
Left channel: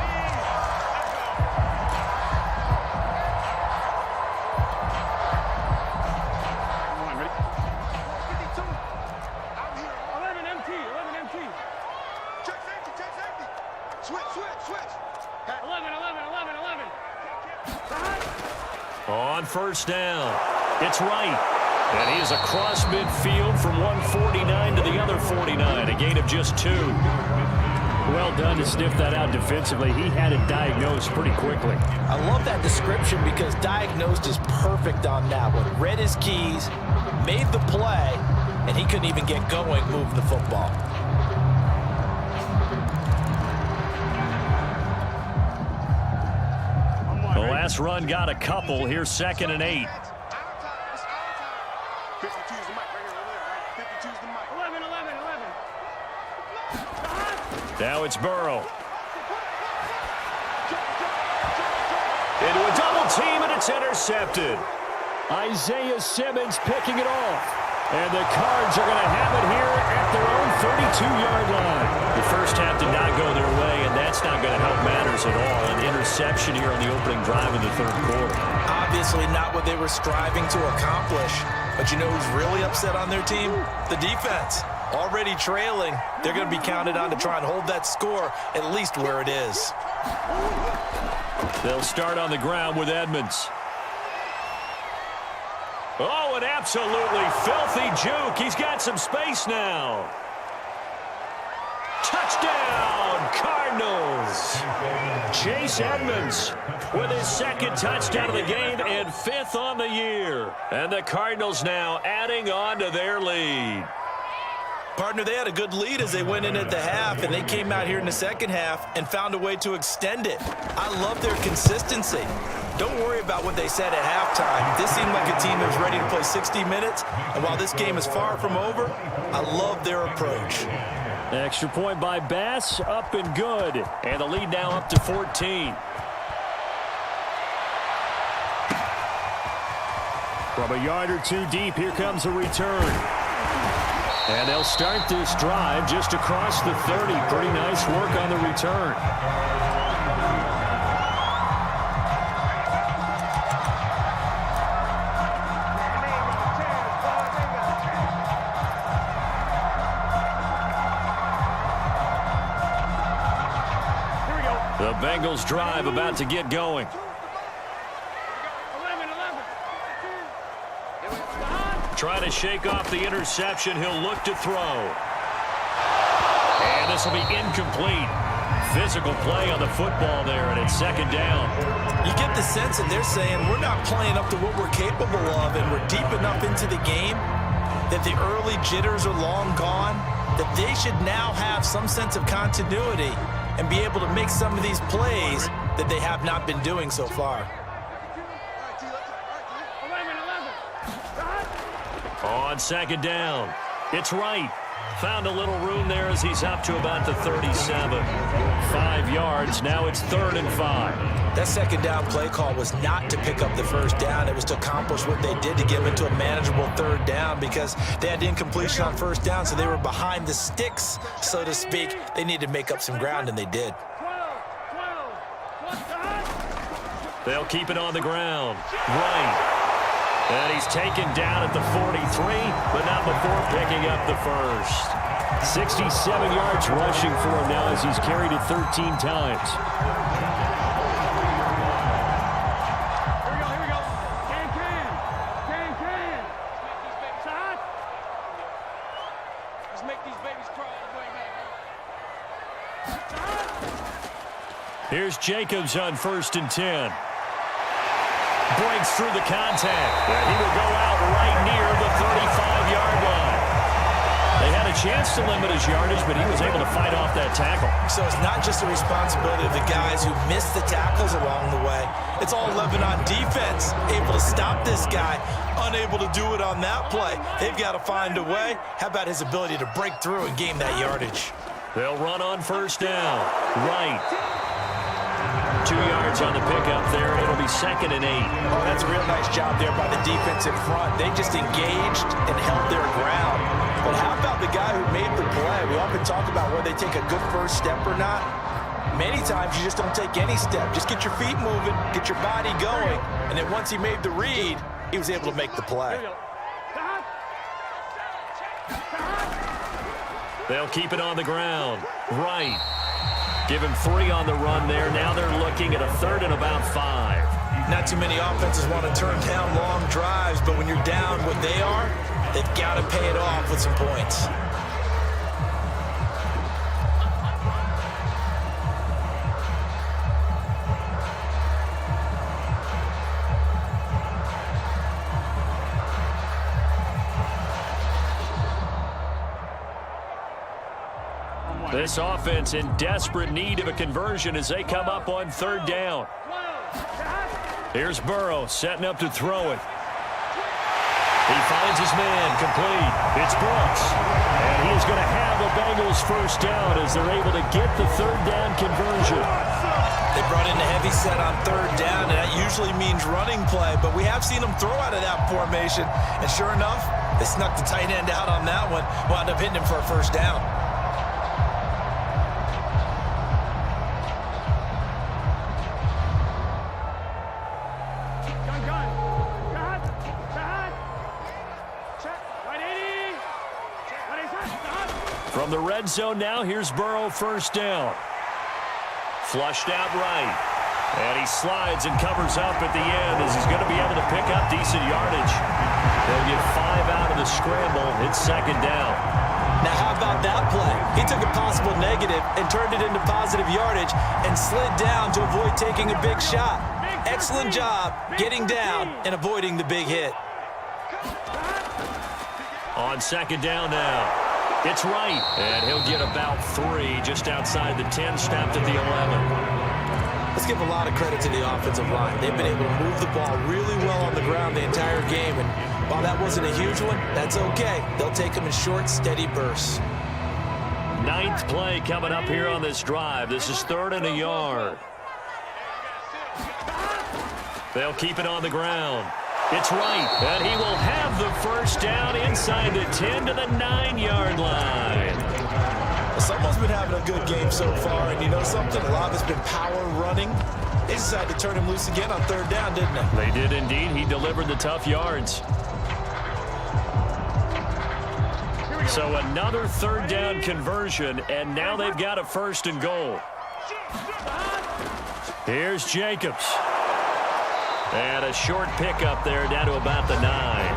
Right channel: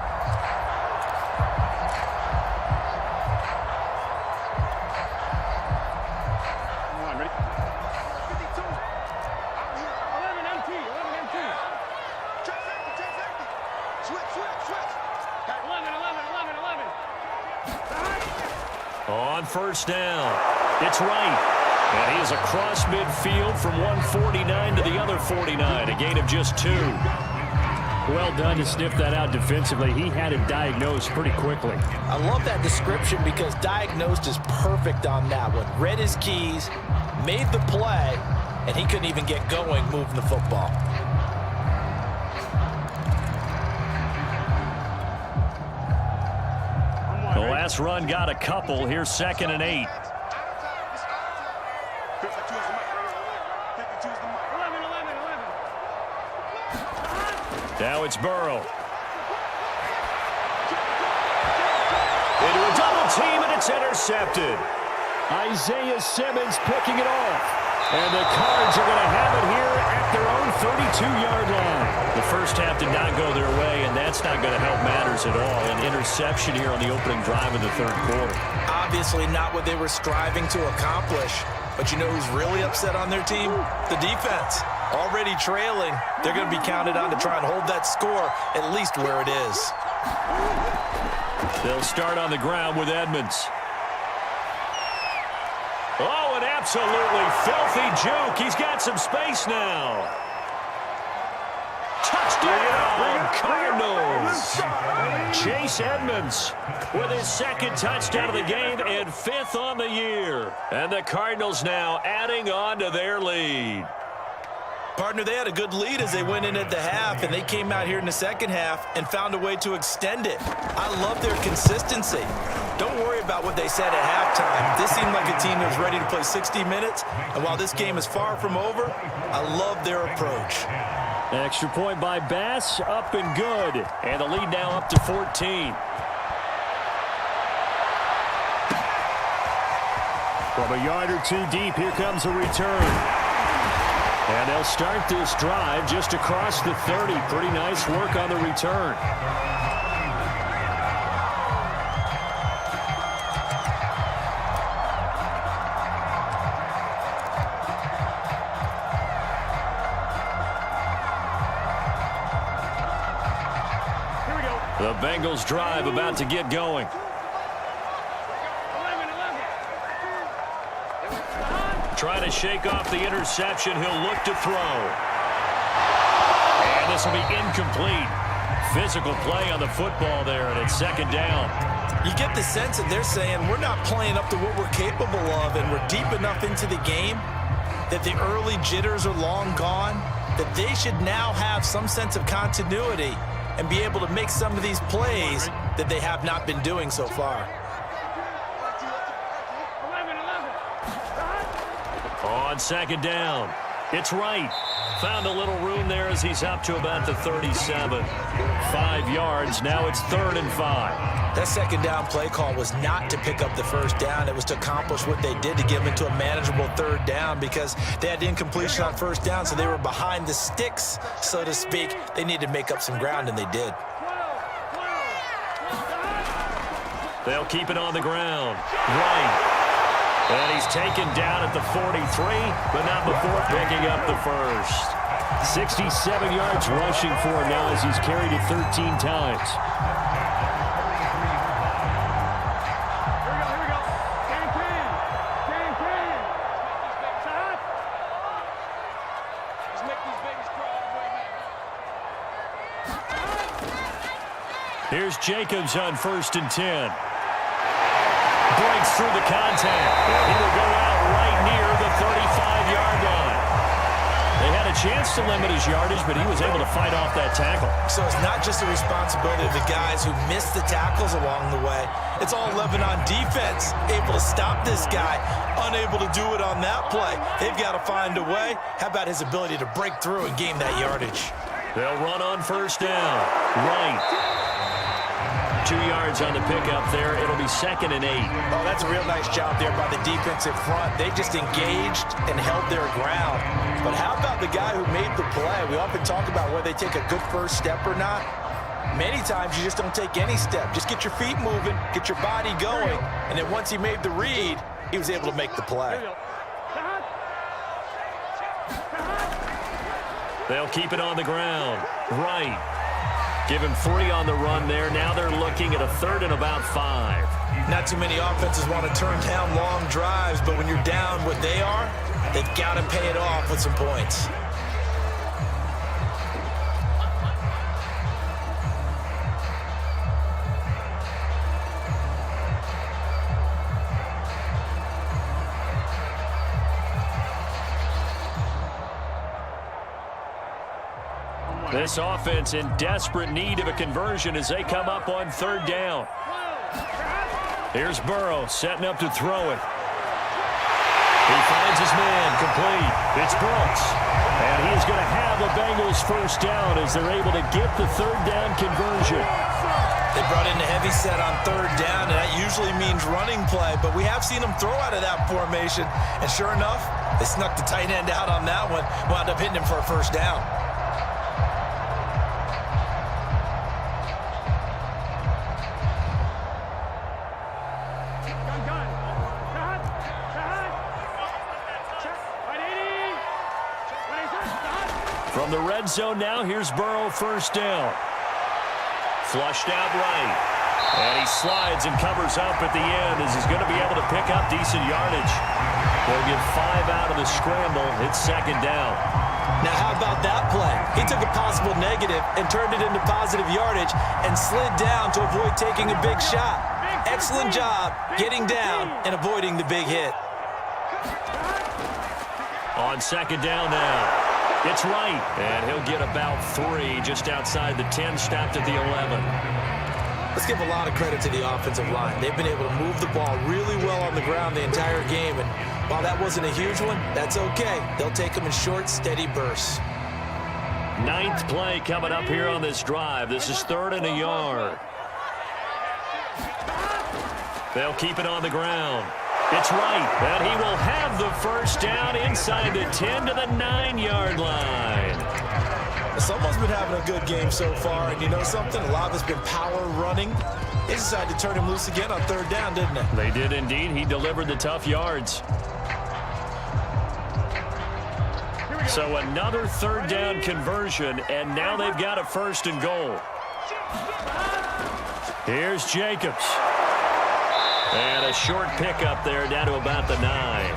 Come on, ready? 52. I'm here. 11 MT. Check safety. Switch. 11. On first down, it's Wright. And he is across midfield from 149 to the other 49, a gain of just 2. Well done to sniff that out defensively. He had it diagnosed pretty quickly. I love that description because diagnosed is perfect on that one. Read his keys, made the play, and he couldn't even get going moving the football. The last run got a couple. Here's 2nd and 8. 52 is the mic right here, over there, right? 52 is the mic. 11. Now it's Burrow. Into a double team, and it's intercepted. Isaiah Simmons picking it off. And the Cards are going to have it here at their own 32-yard line. The first half did not go their way, and that's not going to help matters at all. An interception here on the opening drive of the third quarter. Obviously not what they were striving to accomplish. But you know who's really upset on their team? The defense. Already trailing. They're going to be counted on to try and hold that score at least where it is. They'll start on the ground with Edmonds. Oh, an absolutely filthy juke. He's got some space now. Touchdown, Cardinals. Chase Edmonds with his second touchdown of the game and fifth on the year. And the Cardinals now adding on to their lead. Partner, they had a good lead as they went in at the half, and they came out here in the second half and found a way to extend it. I love their consistency. Don't worry about what they said at halftime. This seemed like a team that was ready to play 60 minutes, and while this game is far from over, I love their approach. Extra point by Bass, up and good. And the lead now up to 14. From a yard or two deep, here comes a return. And they'll start this drive just across the 30. Pretty nice work on the return. The Bengals drive about to get going. 11. Trying to shake off the interception. He'll look to throw. And this will be incomplete. Physical play on the football there, and it's second down. You get the sense that they're saying we're not playing up to what we're capable of, and we're deep enough into the game that the early jitters are long gone, that they should now have some sense of continuity and be able to make some of these plays that they have not been doing so far. 11. On second down, it's right. Found a little room there as he's up to about the 37. 5 yards, now it's 3rd and 5. That second down play call was not to pick up the first down. It was to accomplish what they did to get them into a manageable 3rd down because they had incompletion on first down, so they were behind the sticks, so to speak. They needed to make up some ground, and they did. 12. They'll keep it on the ground. Right. And he's taken down at the 43, but not before picking up the first. 67 yards rushing for him now as he's carried it 13 times. Here we go. Can. Shot. Let's make these babies crawl all the way back. Here's Jacobs on 1st and 10. Breaks through the contact. And he will go out right near the 35-yard line. They had a chance to limit his yardage, but he was able to fight off that tackle. So it's not just the responsibility of the guys who missed the tackles along the way. It's all 11 on defense, able to stop this guy, unable to do it on that play. They've got to find a way. How about his ability to break through and gain that yardage? They'll run on 1st down. Right. 2 yards on the pickup there. It'll be 2nd and 8. Oh, that's a real nice job there by the defensive front. They just engaged and held their ground. But how about the guy who made the play? We often talk about whether they take a good first step or not. Many times you just don't take any step. Just get your feet moving, get your body going, and then once he made the read, he was able to make the play. They'll keep it on the ground. Right. Give him 3 on the run there. Now they're looking at a 3rd and about 5. Not too many offenses want to turn down long drives, but when you're down what they are, they've got to pay it off with some points. This offense in desperate need of a conversion as they come up on 3rd down. Here's Burrow setting up to throw it. He finds his man complete. It's Brooks. And he is going to have a Bengals first down as they're able to get the 3rd down conversion. They brought in a heavy set on 3rd down, and that usually means running play, but we have seen them throw out of that formation. And sure enough, they snuck the tight end out on that one, wound up hitting him for a first down. From the red zone now, here's Burrow first down. Flushed out right. And he slides and covers up at the end as he's going to be able to pick up decent yardage. They'll get 5 out of the scramble. It's 2nd down. Now, how about that play? He took a possible negative and turned it into positive yardage and slid down to avoid taking a big shot. Excellent job getting down and avoiding the big hit. On second down now. It's right, and he'll get about 3 just outside the 10, stopped at the 11. Let's give a lot of credit to the offensive line. They've been able to move the ball really well on the ground the entire game, and while that wasn't a huge one, that's okay. They'll take them in short, steady bursts. 9th play coming up here on this drive. This is 3rd and a yard. They'll keep it on the ground. It's right, and he will have the first down inside the 10 to the 9-yard line. Someone's been having a good game so far, and you know something? A lot of it's been power running. They decided to turn him loose again on 3rd down, didn't they? They did indeed. He delivered the tough yards. So another 3rd down conversion, and now they've got a 1st and goal. Here's Jacobs. And a short pickup there down to about the 9.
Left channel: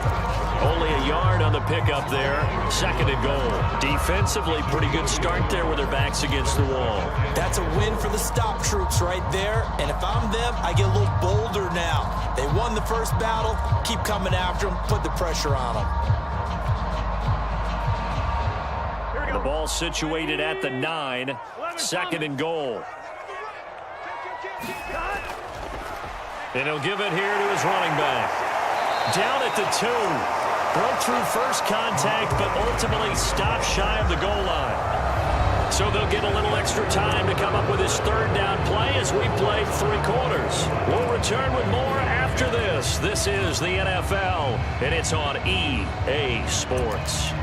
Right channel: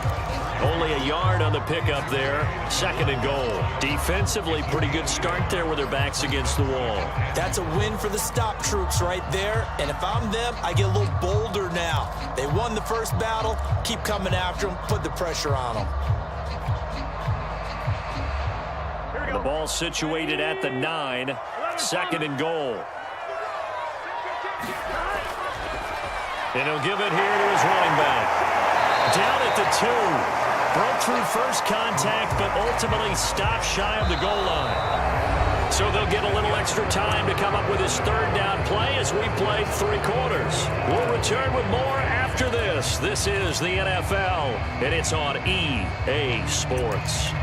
Only a yard on the pickup there. 2nd and goal. Defensively, pretty good start there with their backs against the wall. That's a win for the stop troops right there. And if I'm them, I get a little bolder now. They won the first battle. Keep coming after them. Put the pressure on them. The ball situated at the 9. 2nd and goal. And he'll give it here to his running back. Down at the 2. Broke through first contact, but ultimately stopped shy of the goal line. So they'll get a little extra time to come up with his 3rd down play as we played 3 quarters. We'll return with more after this. This is the NFL, and it's on EA Sports.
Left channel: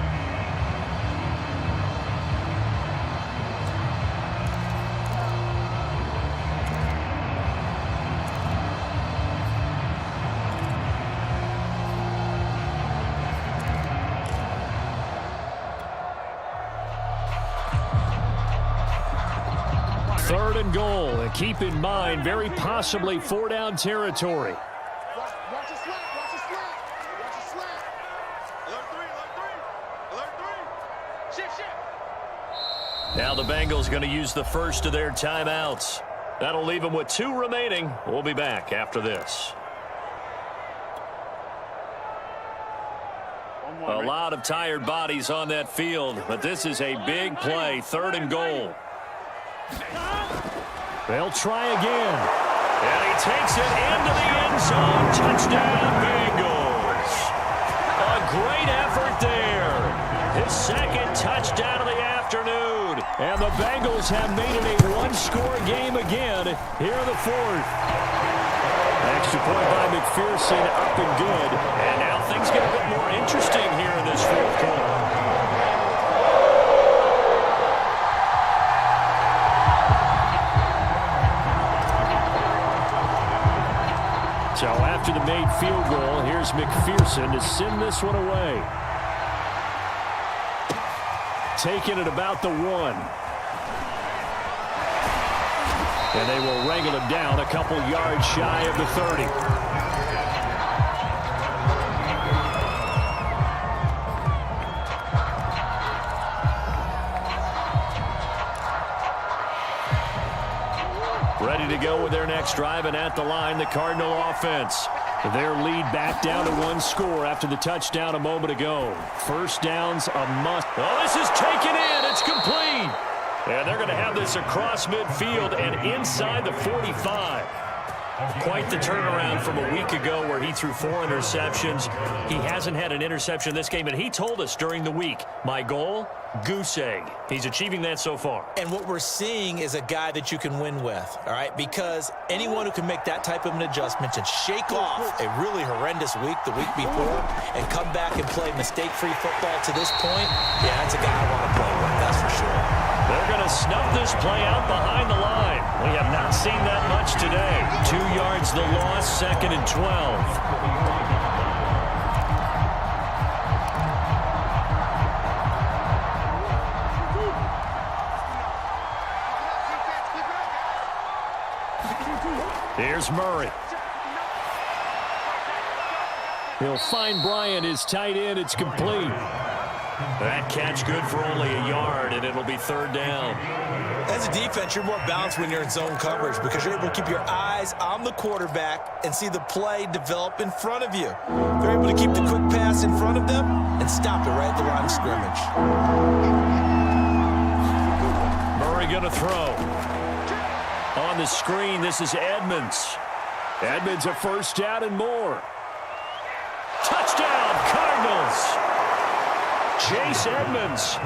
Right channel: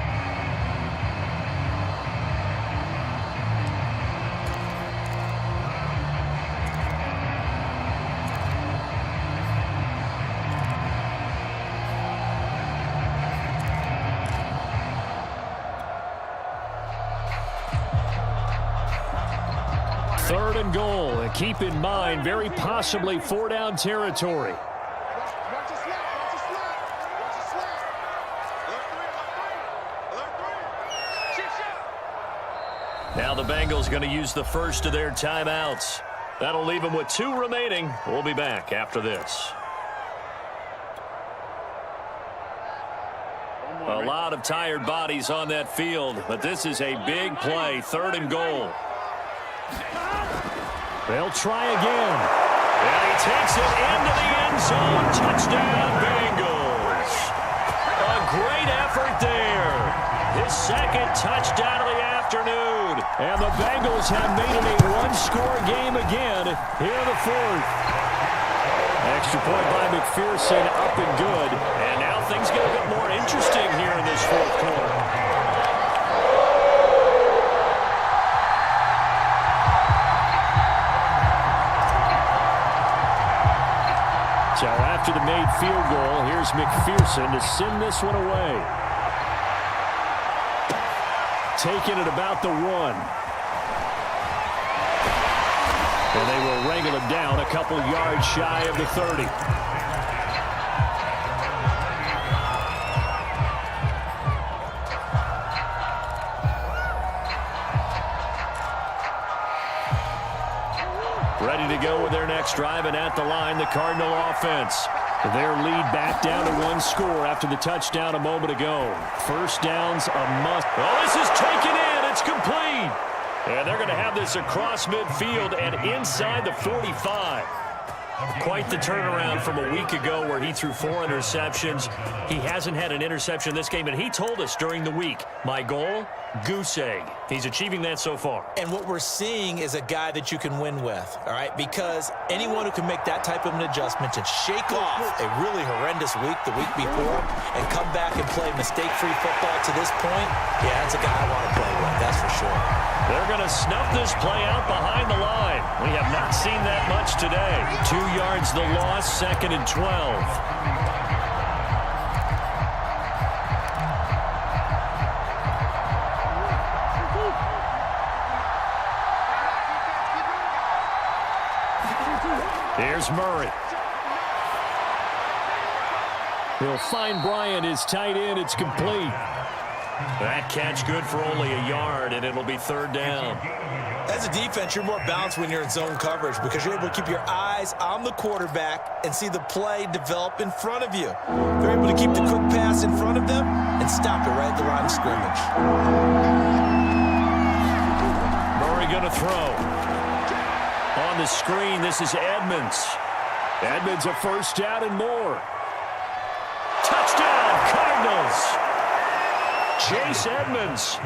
Third and goal, and keep in mind, very possibly 4-down territory. Watch the slap, watch the slap, watch the slap. Alert 3, alert 3, alert 3. Shift. Now the Bengals going to use the first of their timeouts. That'll leave them with 2 remaining. We'll be back after this. A lot of tired bodies on that field, but this is a big play, 3rd and goal. They'll try again. And he takes it into the end zone. Touchdown, Bengals. A great effort there. His 2nd touchdown of the afternoon. And the Bengals have made it a 1-score game again here in the 4th. Extra point by McPherson, up and good. And now things get a bit more interesting here in this 4th quarter. So after the made field goal, here's McPherson to send this one away. Taking it about the 1. And they will wrangle him down a couple yards shy of the 30. Ready to go with their next drive, and at the line, the Cardinal offense. Their lead back down to 1 score after the touchdown a moment ago. 1st down's a must. Oh, this is taken in. It's complete. And they're going to have this across midfield and inside the 45. Quite the turnaround from a week ago where he threw 4 interceptions. He hasn't had an interception this game, and he told us during the week, my goal, goose egg. He's achieving that so far. And what we're seeing is a guy that you can win with, all right? Because anyone who can make that type of an adjustment and shake off a really horrendous week the week before and come back and play mistake-free football to this point, yeah, that's a guy I want to play with, that's for sure. They're going to snuff this play out behind the line. We have not seen that much today. 2 yards the loss, 2nd and 12. Here's Murray. He'll find Bryant, his tight end. It's complete. That catch good for only a yard, and it'll be third down. As a defense, you're more balanced when you're in zone coverage because you're able to keep your eyes on the quarterback and see the play develop in front of you. They're able to keep the quick pass in front of them and stop it right at the line of scrimmage. Murray going to throw. On the screen, this is Edmonds. Edmonds a first down and more. Touchdown, Cardinals. Chase Edmonds,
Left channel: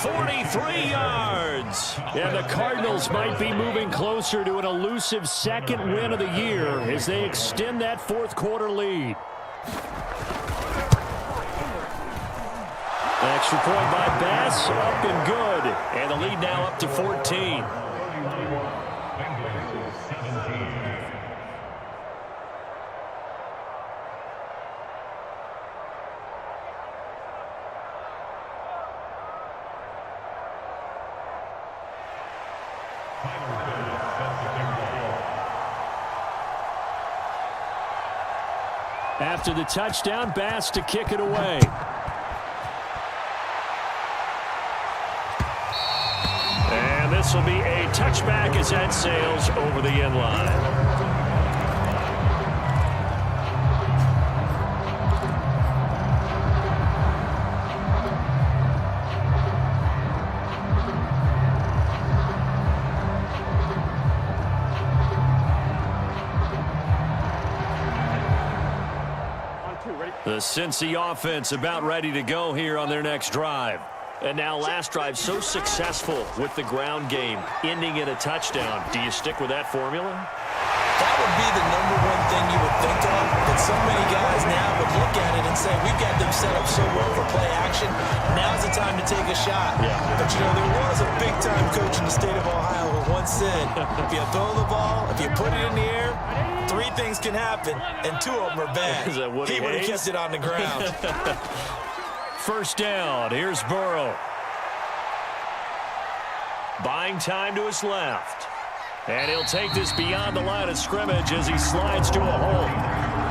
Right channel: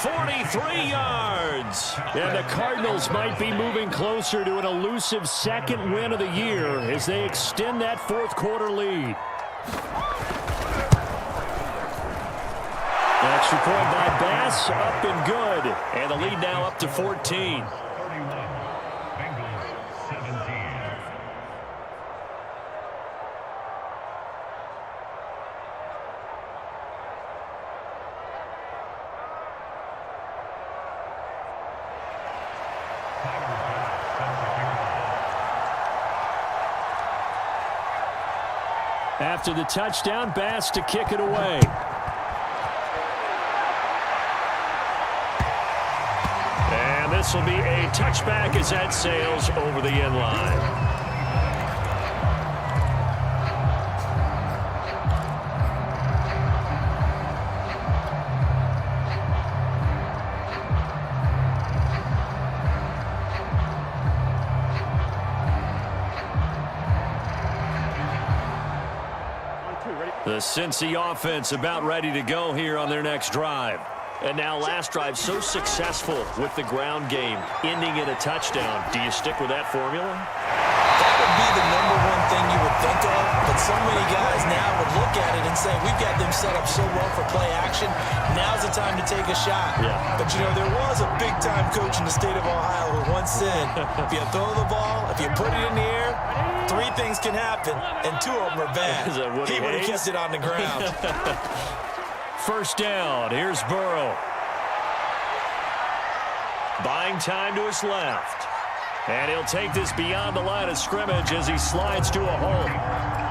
43 yards. And the Cardinals might be moving closer to an elusive second win of the year as they extend that fourth quarter lead. Extra point by Bass, up and good. And the lead now up to 14. After the touchdown, Bass to kick it away. And this will be a touchback as that sails over the end line. 2, ready? The Cincy offense about ready to go here on their next drive. And now last drive so successful with the ground game, ending in a touchdown. Do you stick with that formula? That would be the number one thing you would think of, but so many guys now would look at it and say, we've got them set up so well for play action. Now's the time to take a shot. Yeah. But, you know, there was a big-time coach in the state of Ohio who once said, if you throw the ball, if you put it in the air, 3 things can happen, and 2 of them are bad. Is that Woody He would have Hayes? kept it on the ground. First down. Here's Burrow. Buying time to his left. And he'll take this beyond the line of scrimmage as he slides to a hole.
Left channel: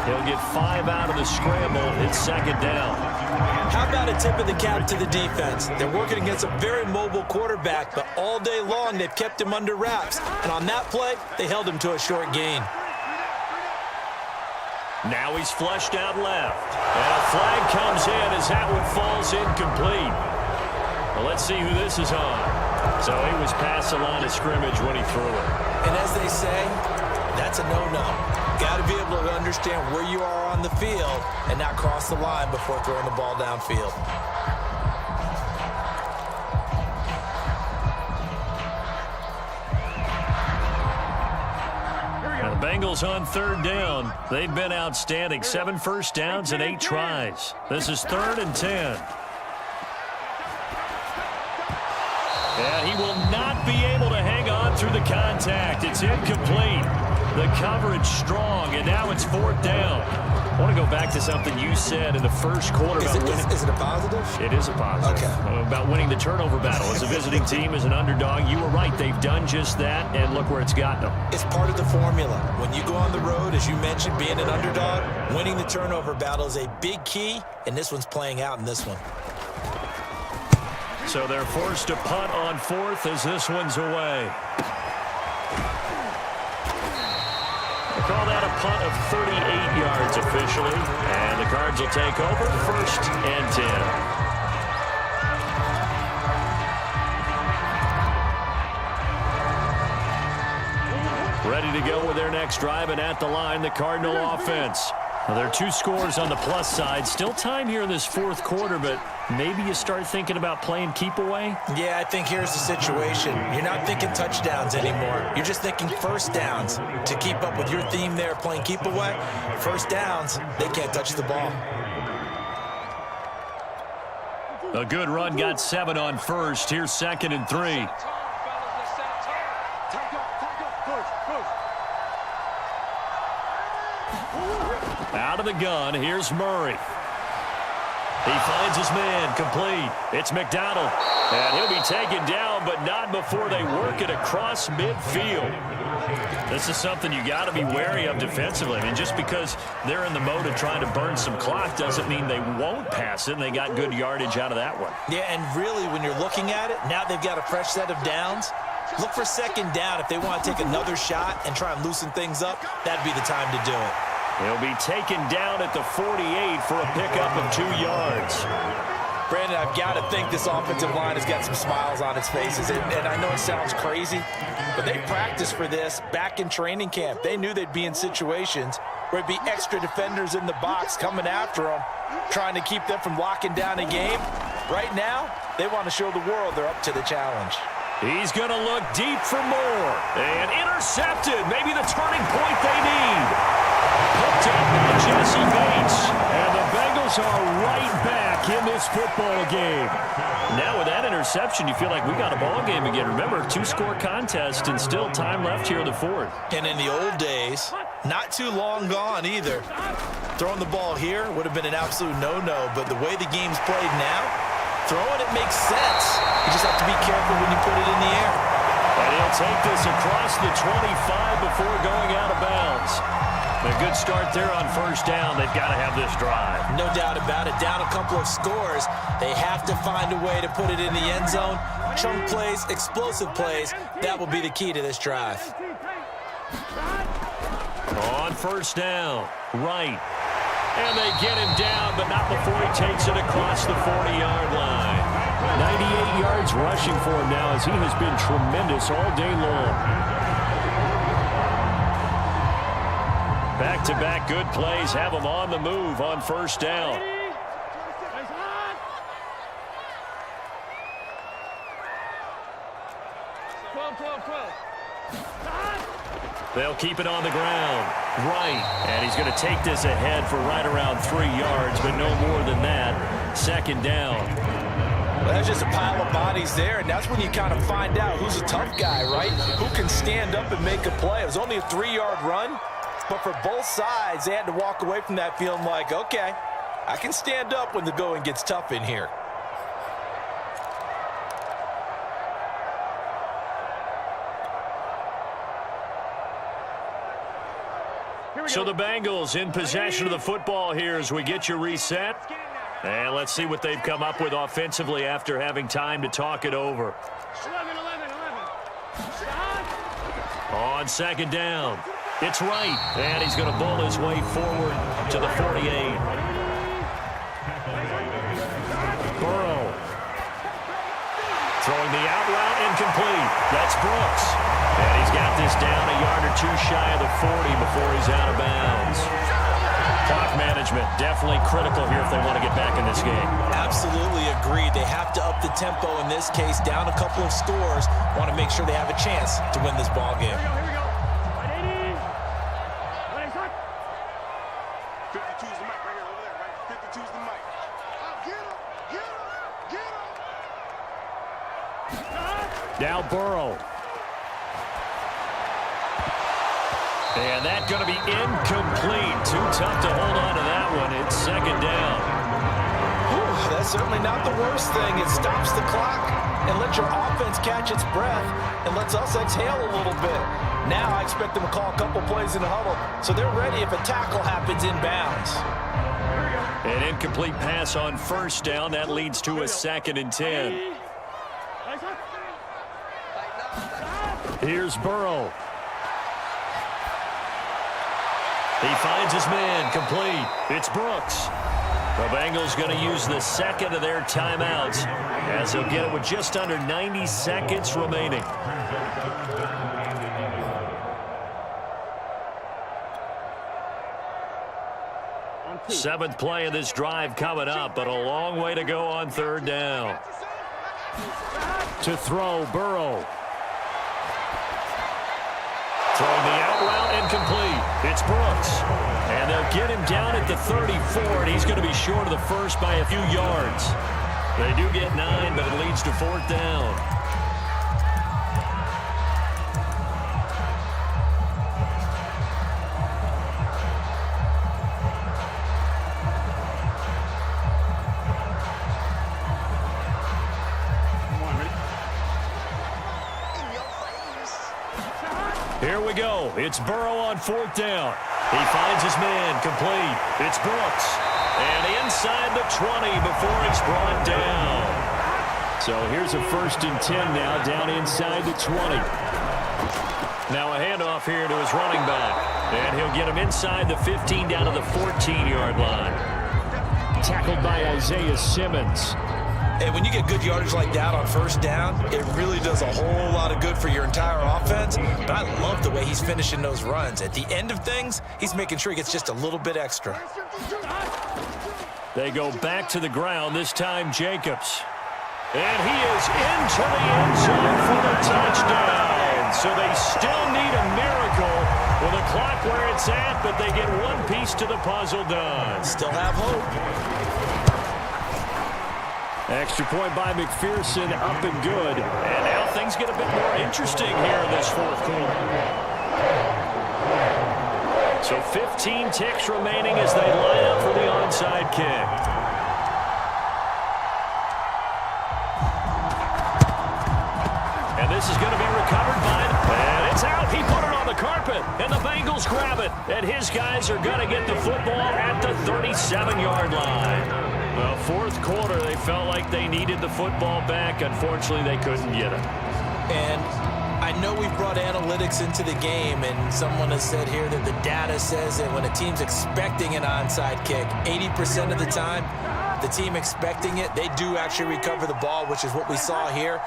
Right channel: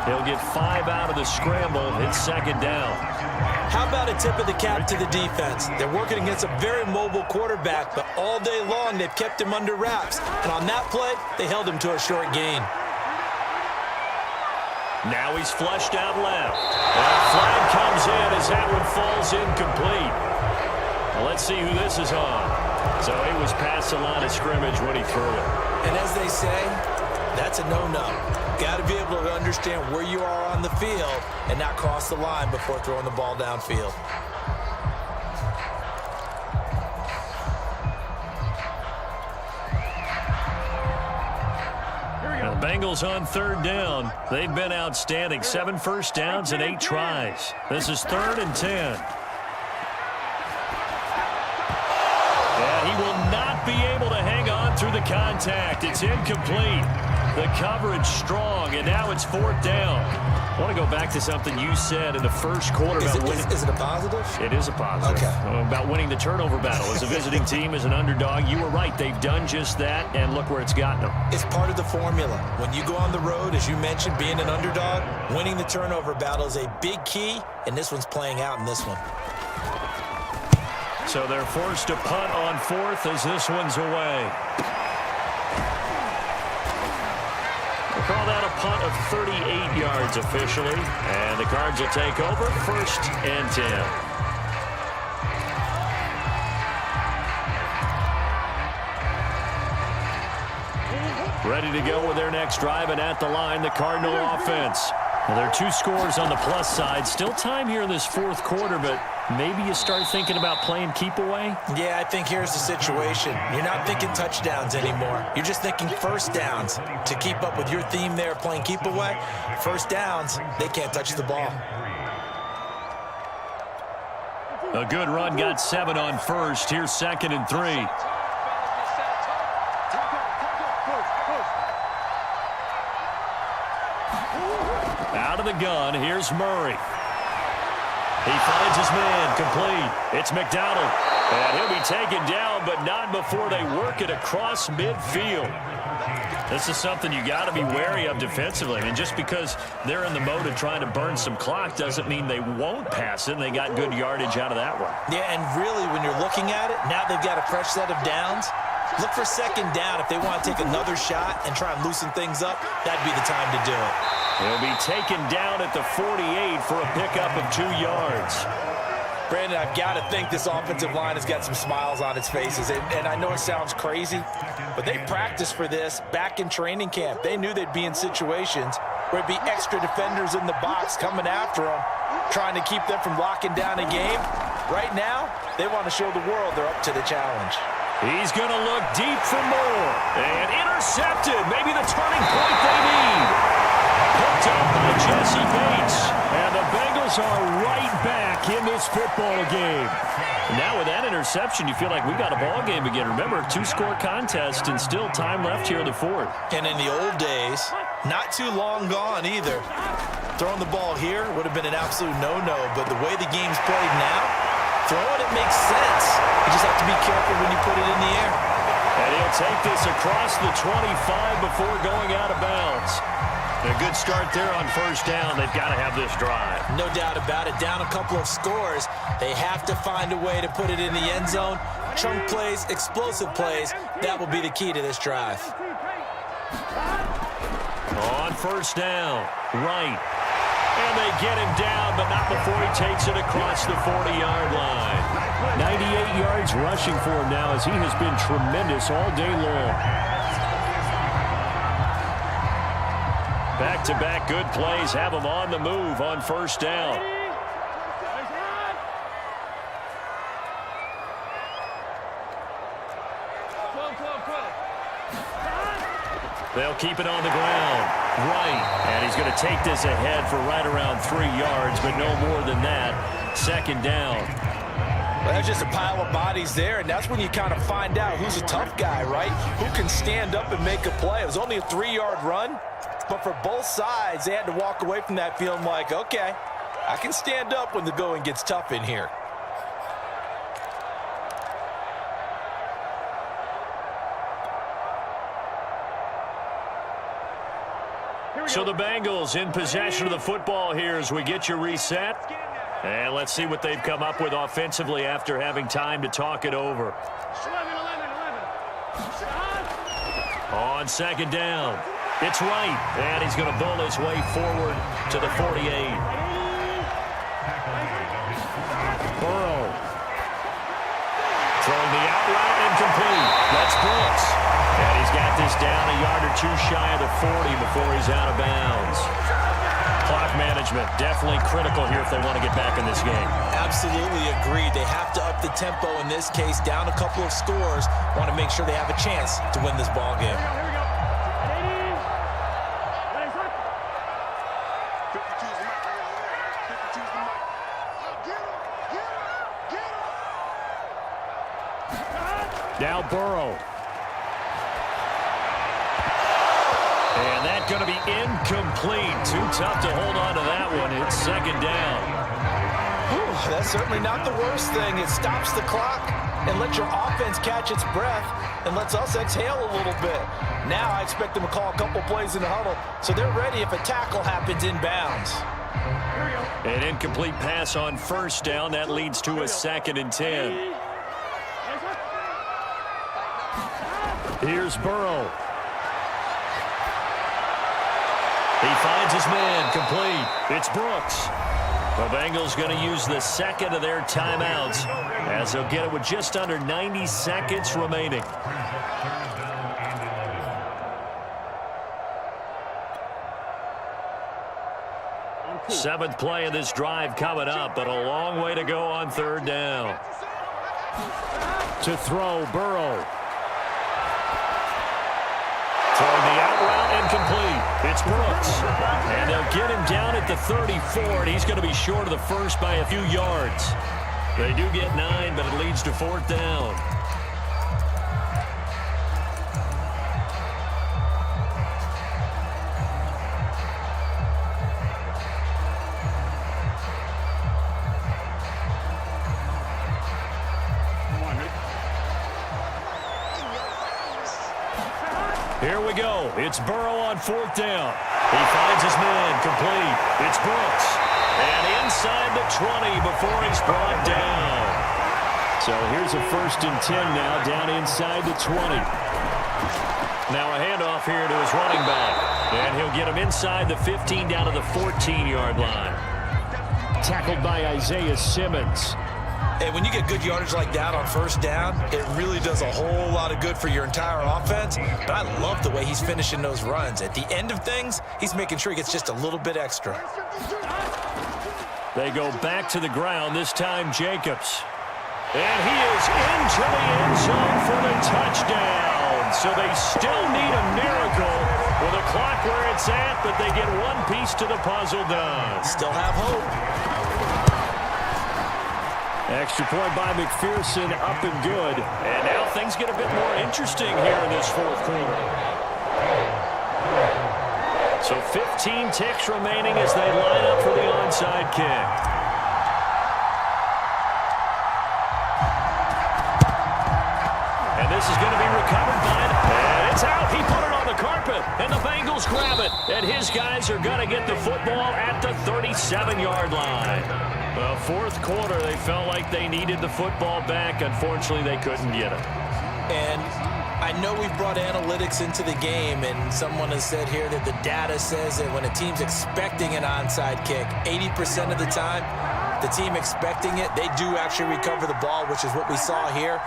He'll get 5 out of the scramble. It's second down. How about a tip of the cap to the defense? They're working against a very mobile quarterback, but all day long they've kept him under wraps. And on that play, they held him to a short gain. Now he's flushed out left. And a flag comes in as that one falls incomplete. Well, let's see who this is on. So he was past the line of scrimmage when he threw it. And as they say, that's a no-no. Got to be able to understand where you are on the field and not cross the line before throwing the ball downfield. Now the Bengals on third down. They've been outstanding. 7 first downs and 8 tries. This is 3rd and 10. Yeah, he will not be able to hang on through the contact. It's incomplete. The coverage strong, and now it's 4th down. I want to go back to something you said in the first quarter about winning. Is it a positive? It is a positive. Okay. About winning the turnover battle. As a visiting team, as an underdog, you were right. They've done just that, and look where it's gotten them. It's part of the formula. When you go on the road, as you mentioned, being an underdog, winning the turnover battle is a big key, and this one's playing out in this one. So they're forced to punt on 4th as this one's away. They call that a punt of 38 yards officially. And the Cards will take over 1st and 10. Ready to go with their next drive, and at the line, the Cardinal offense. Well, there are 2 scores on the plus side. Still time here in this 4th quarter, but maybe you start thinking about playing keep away? Yeah, I think here's the situation. You're not thinking touchdowns anymore. You're just thinking first downs. To keep up with your theme there, playing keep away, first downs, they can't touch the ball. A good run, got 7 on 1st. Here's 2nd and 3. Out of the gun, here's Murray. He finds his man, complete. It's McDonald. And he'll be taken down, but not before they work it across midfield. This is something you got to be wary of defensively. I mean, just because they're in the mode of trying to burn some clock doesn't mean they won't pass it, and they got good yardage out of that one. Yeah, and really, when you're looking at it, now they've got a fresh set of downs. Look for second down if they want to take another shot and try and loosen things up. That'd be the time to do it. He'll be taken down at the 48 for a pickup of 2 yards. Brandon, I've got to think this offensive line has got some smiles on its faces. And I know it sounds crazy, but they practiced for this back in training camp. They knew they'd be in situations where it'd be extra defenders in the box coming after them, trying to keep them from locking down a game. Right now, they want to show the world they're up to the challenge. He's going to look deep for more. And intercepted. Maybe the turning point they need. Picked up by Jesse Bates. And the Bengals are right back in this football game. Now with that interception, you feel like we got a ball game again. Remember, 2-score contest and still time left here in the fourth. And in the old days, not too long gone either. Throwing the ball here would have been an absolute no-no. But the way the game's played now, throwing it makes sense. You just have to be careful when you put it in the air. And he'll take this across the 25 before going out of bounds. A good start there on first down. They've got to have this drive. No doubt about it. Down a couple of scores. They have to find a way to put it in the end zone. Chunk plays, explosive plays. That will be the key to this drive. On first down, right. And they get him down, but not before he takes it across the 40-yard line. 98 yards rushing for him now as he has been tremendous all day long. Back-to-back good plays have him on the move on first down. They'll keep it on the ground. Right. And he's going to take this ahead for right around 3 yards, but no more than that. Second down. Well, there's just a pile of bodies there, and that's when you kind of find out who's a tough guy, right? Who can stand up and make a play. It was only a 3-yard run, but for both sides, they had to walk away from that feeling like, okay, I can stand up when the going gets tough in here. So the Bengals in possession of the football here as we get you reset. And let's see what they've come up with offensively after having time to talk it over. 11. On second down, it's right. And he's going to bull his way forward to the 48. Burrow. Throwing the out route incomplete. That's Brooks. And he's got this down a yard or 2 shy of the 40 before he's out of bounds. Clock management definitely critical here if they want to get back in this game. Absolutely agreed. They have to up the tempo in this case, down a couple of scores. Want to make sure they have a chance to win this ball game. Here we go. 52's the mic right here over there, right? 52's the mic. Oh, get him. Now Burrow. And that's going to be incomplete. Too tough to hold on to that one. It's second down. Whew, that's certainly not the worst thing. It stops the clock and lets your offense catch its breath and lets us exhale a little bit. Now I expect them to call a couple plays in the huddle so they're ready if a tackle happens inbounds. An incomplete pass on first down. That leads to a 2nd and 10. Here's Burrow. He finds his man, complete. It's Brooks. The Bengals going to use the second of their timeouts as they'll get it with just under 90 seconds remaining. Seventh play of this drive coming up, but a long way to go on third down. To throw, Burrow. Throwing the out route incomplete. It's Brooks. And they'll get him down at the 34, and he's going to be short of the first by a few yards. They do get 9, but it leads to 4th down. Here we go. It's Burrow on 4th down. He finds his man complete. It's Brooks. And inside the 20 before he's brought down. So here's a 1st and 10 now down inside the 20. Now a handoff here to his running back. And he'll get him inside the 15 down to the 14-yard line. Tackled by Isaiah Simmons. And when you get good yardage like that on 1st down, it really does a whole lot of good for your entire offense. But I love the way he's finishing those runs. At the end of things, he's making sure he gets just a little bit extra. They go back to the ground, this time Jacobs. And he is into the end zone for the touchdown. So they still need a miracle with a clock where it's at, but they get one piece to the puzzle done. Still have hope. Extra point by McPherson, up and good. And now things get a bit more interesting here in this 4th quarter. So 15 ticks remaining as they line up for the onside kick. And this is going to be recovered by, and it's out. He put it on the carpet, and the Bengals grab it. And his guys are going to get the football at the 37-yard line. Well, 4th quarter, they felt like they needed the football back. Unfortunately, they couldn't get it. And I know we've brought analytics into the game, and someone has said here that the data says that when a team's expecting an onside kick, 80% of the time, the team expecting it, they do actually recover the ball, which is what we saw here.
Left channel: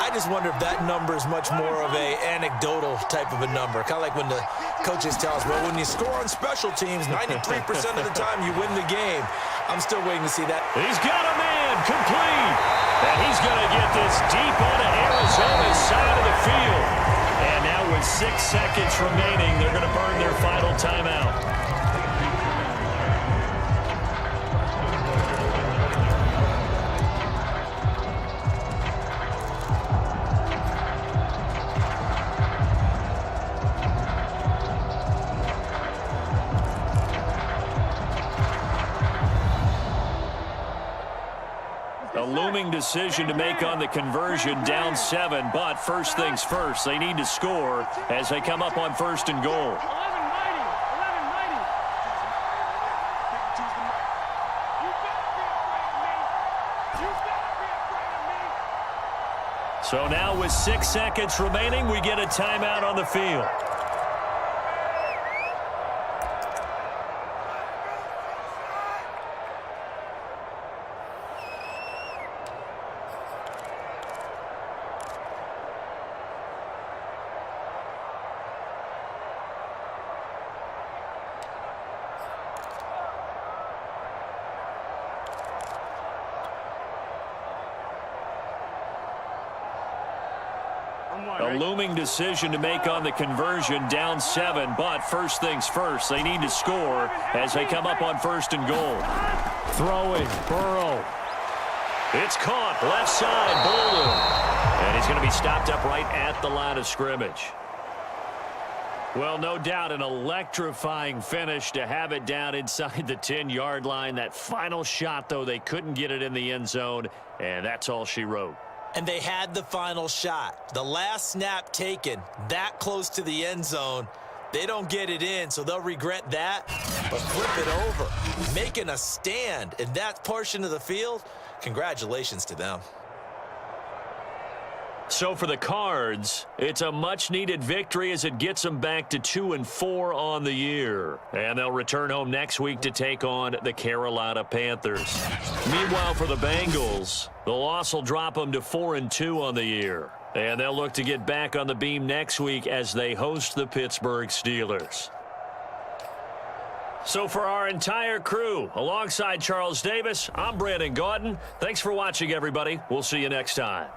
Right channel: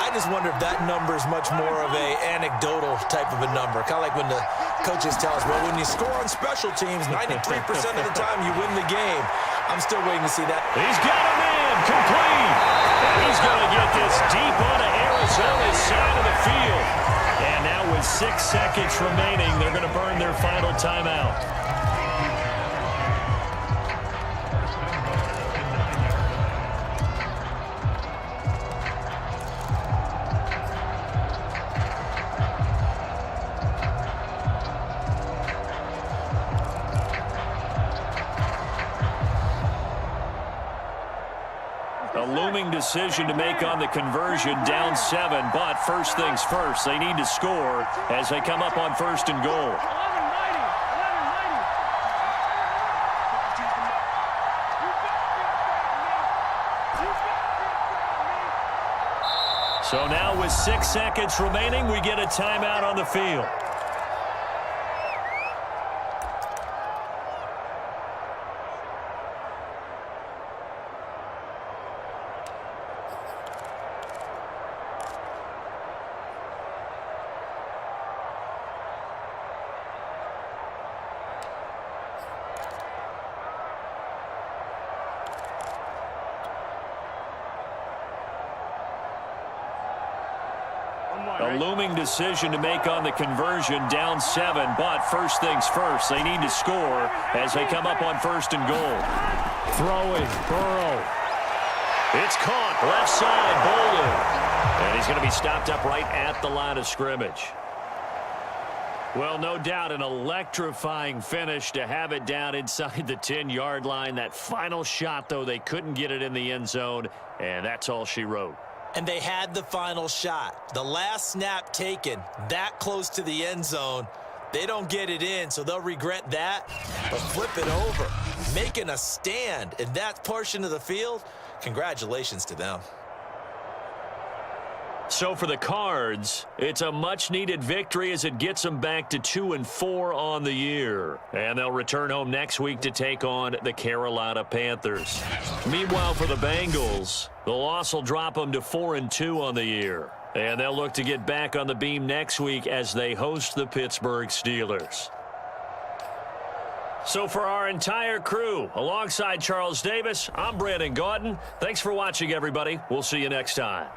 I just wonder if that number is much more of a anecdotal type of a number. Kind of like when the coaches tell us, well, when you score on special teams, 93% of the time you win the game. I'm still waiting to see that. He's got a man complete. And he's going to get this deep onto Arizona's side of the field. And now with 6 seconds remaining, they're going to burn their final timeout. A looming decision to make on the conversion, down 7, but first things first, they need to score as they come up on 1st and goal. So now with 6 seconds remaining, we get a timeout on the field. A looming decision to make on the conversion, down 7, but first things first, they need to score as they come up on 1st and goal. Throwing, Burrow. It's caught, left side, Bolden. And he's going to be stopped up right at the line of scrimmage. Well, no doubt an electrifying finish to have it down inside the 10-yard line. That final shot, though, they couldn't get it in the end zone, and that's all she wrote. And they had the final shot. The last snap taken that close to the end zone. They don't get it in, so they'll regret that. But flip it over, making a stand in that portion of the field, congratulations to them. So for the Cards, it's a much-needed victory as it gets them back to 2-4 on the year. And they'll return home next week to take on the Carolina Panthers. Meanwhile, for the Bengals, the loss will drop them to 4-2 on the year. And they'll look to get back on the beam next week as they host the Pittsburgh Steelers. So for our entire crew, alongside Charles Davis, I'm Brandon Gaudin. Thanks for watching, everybody. We'll see you next time.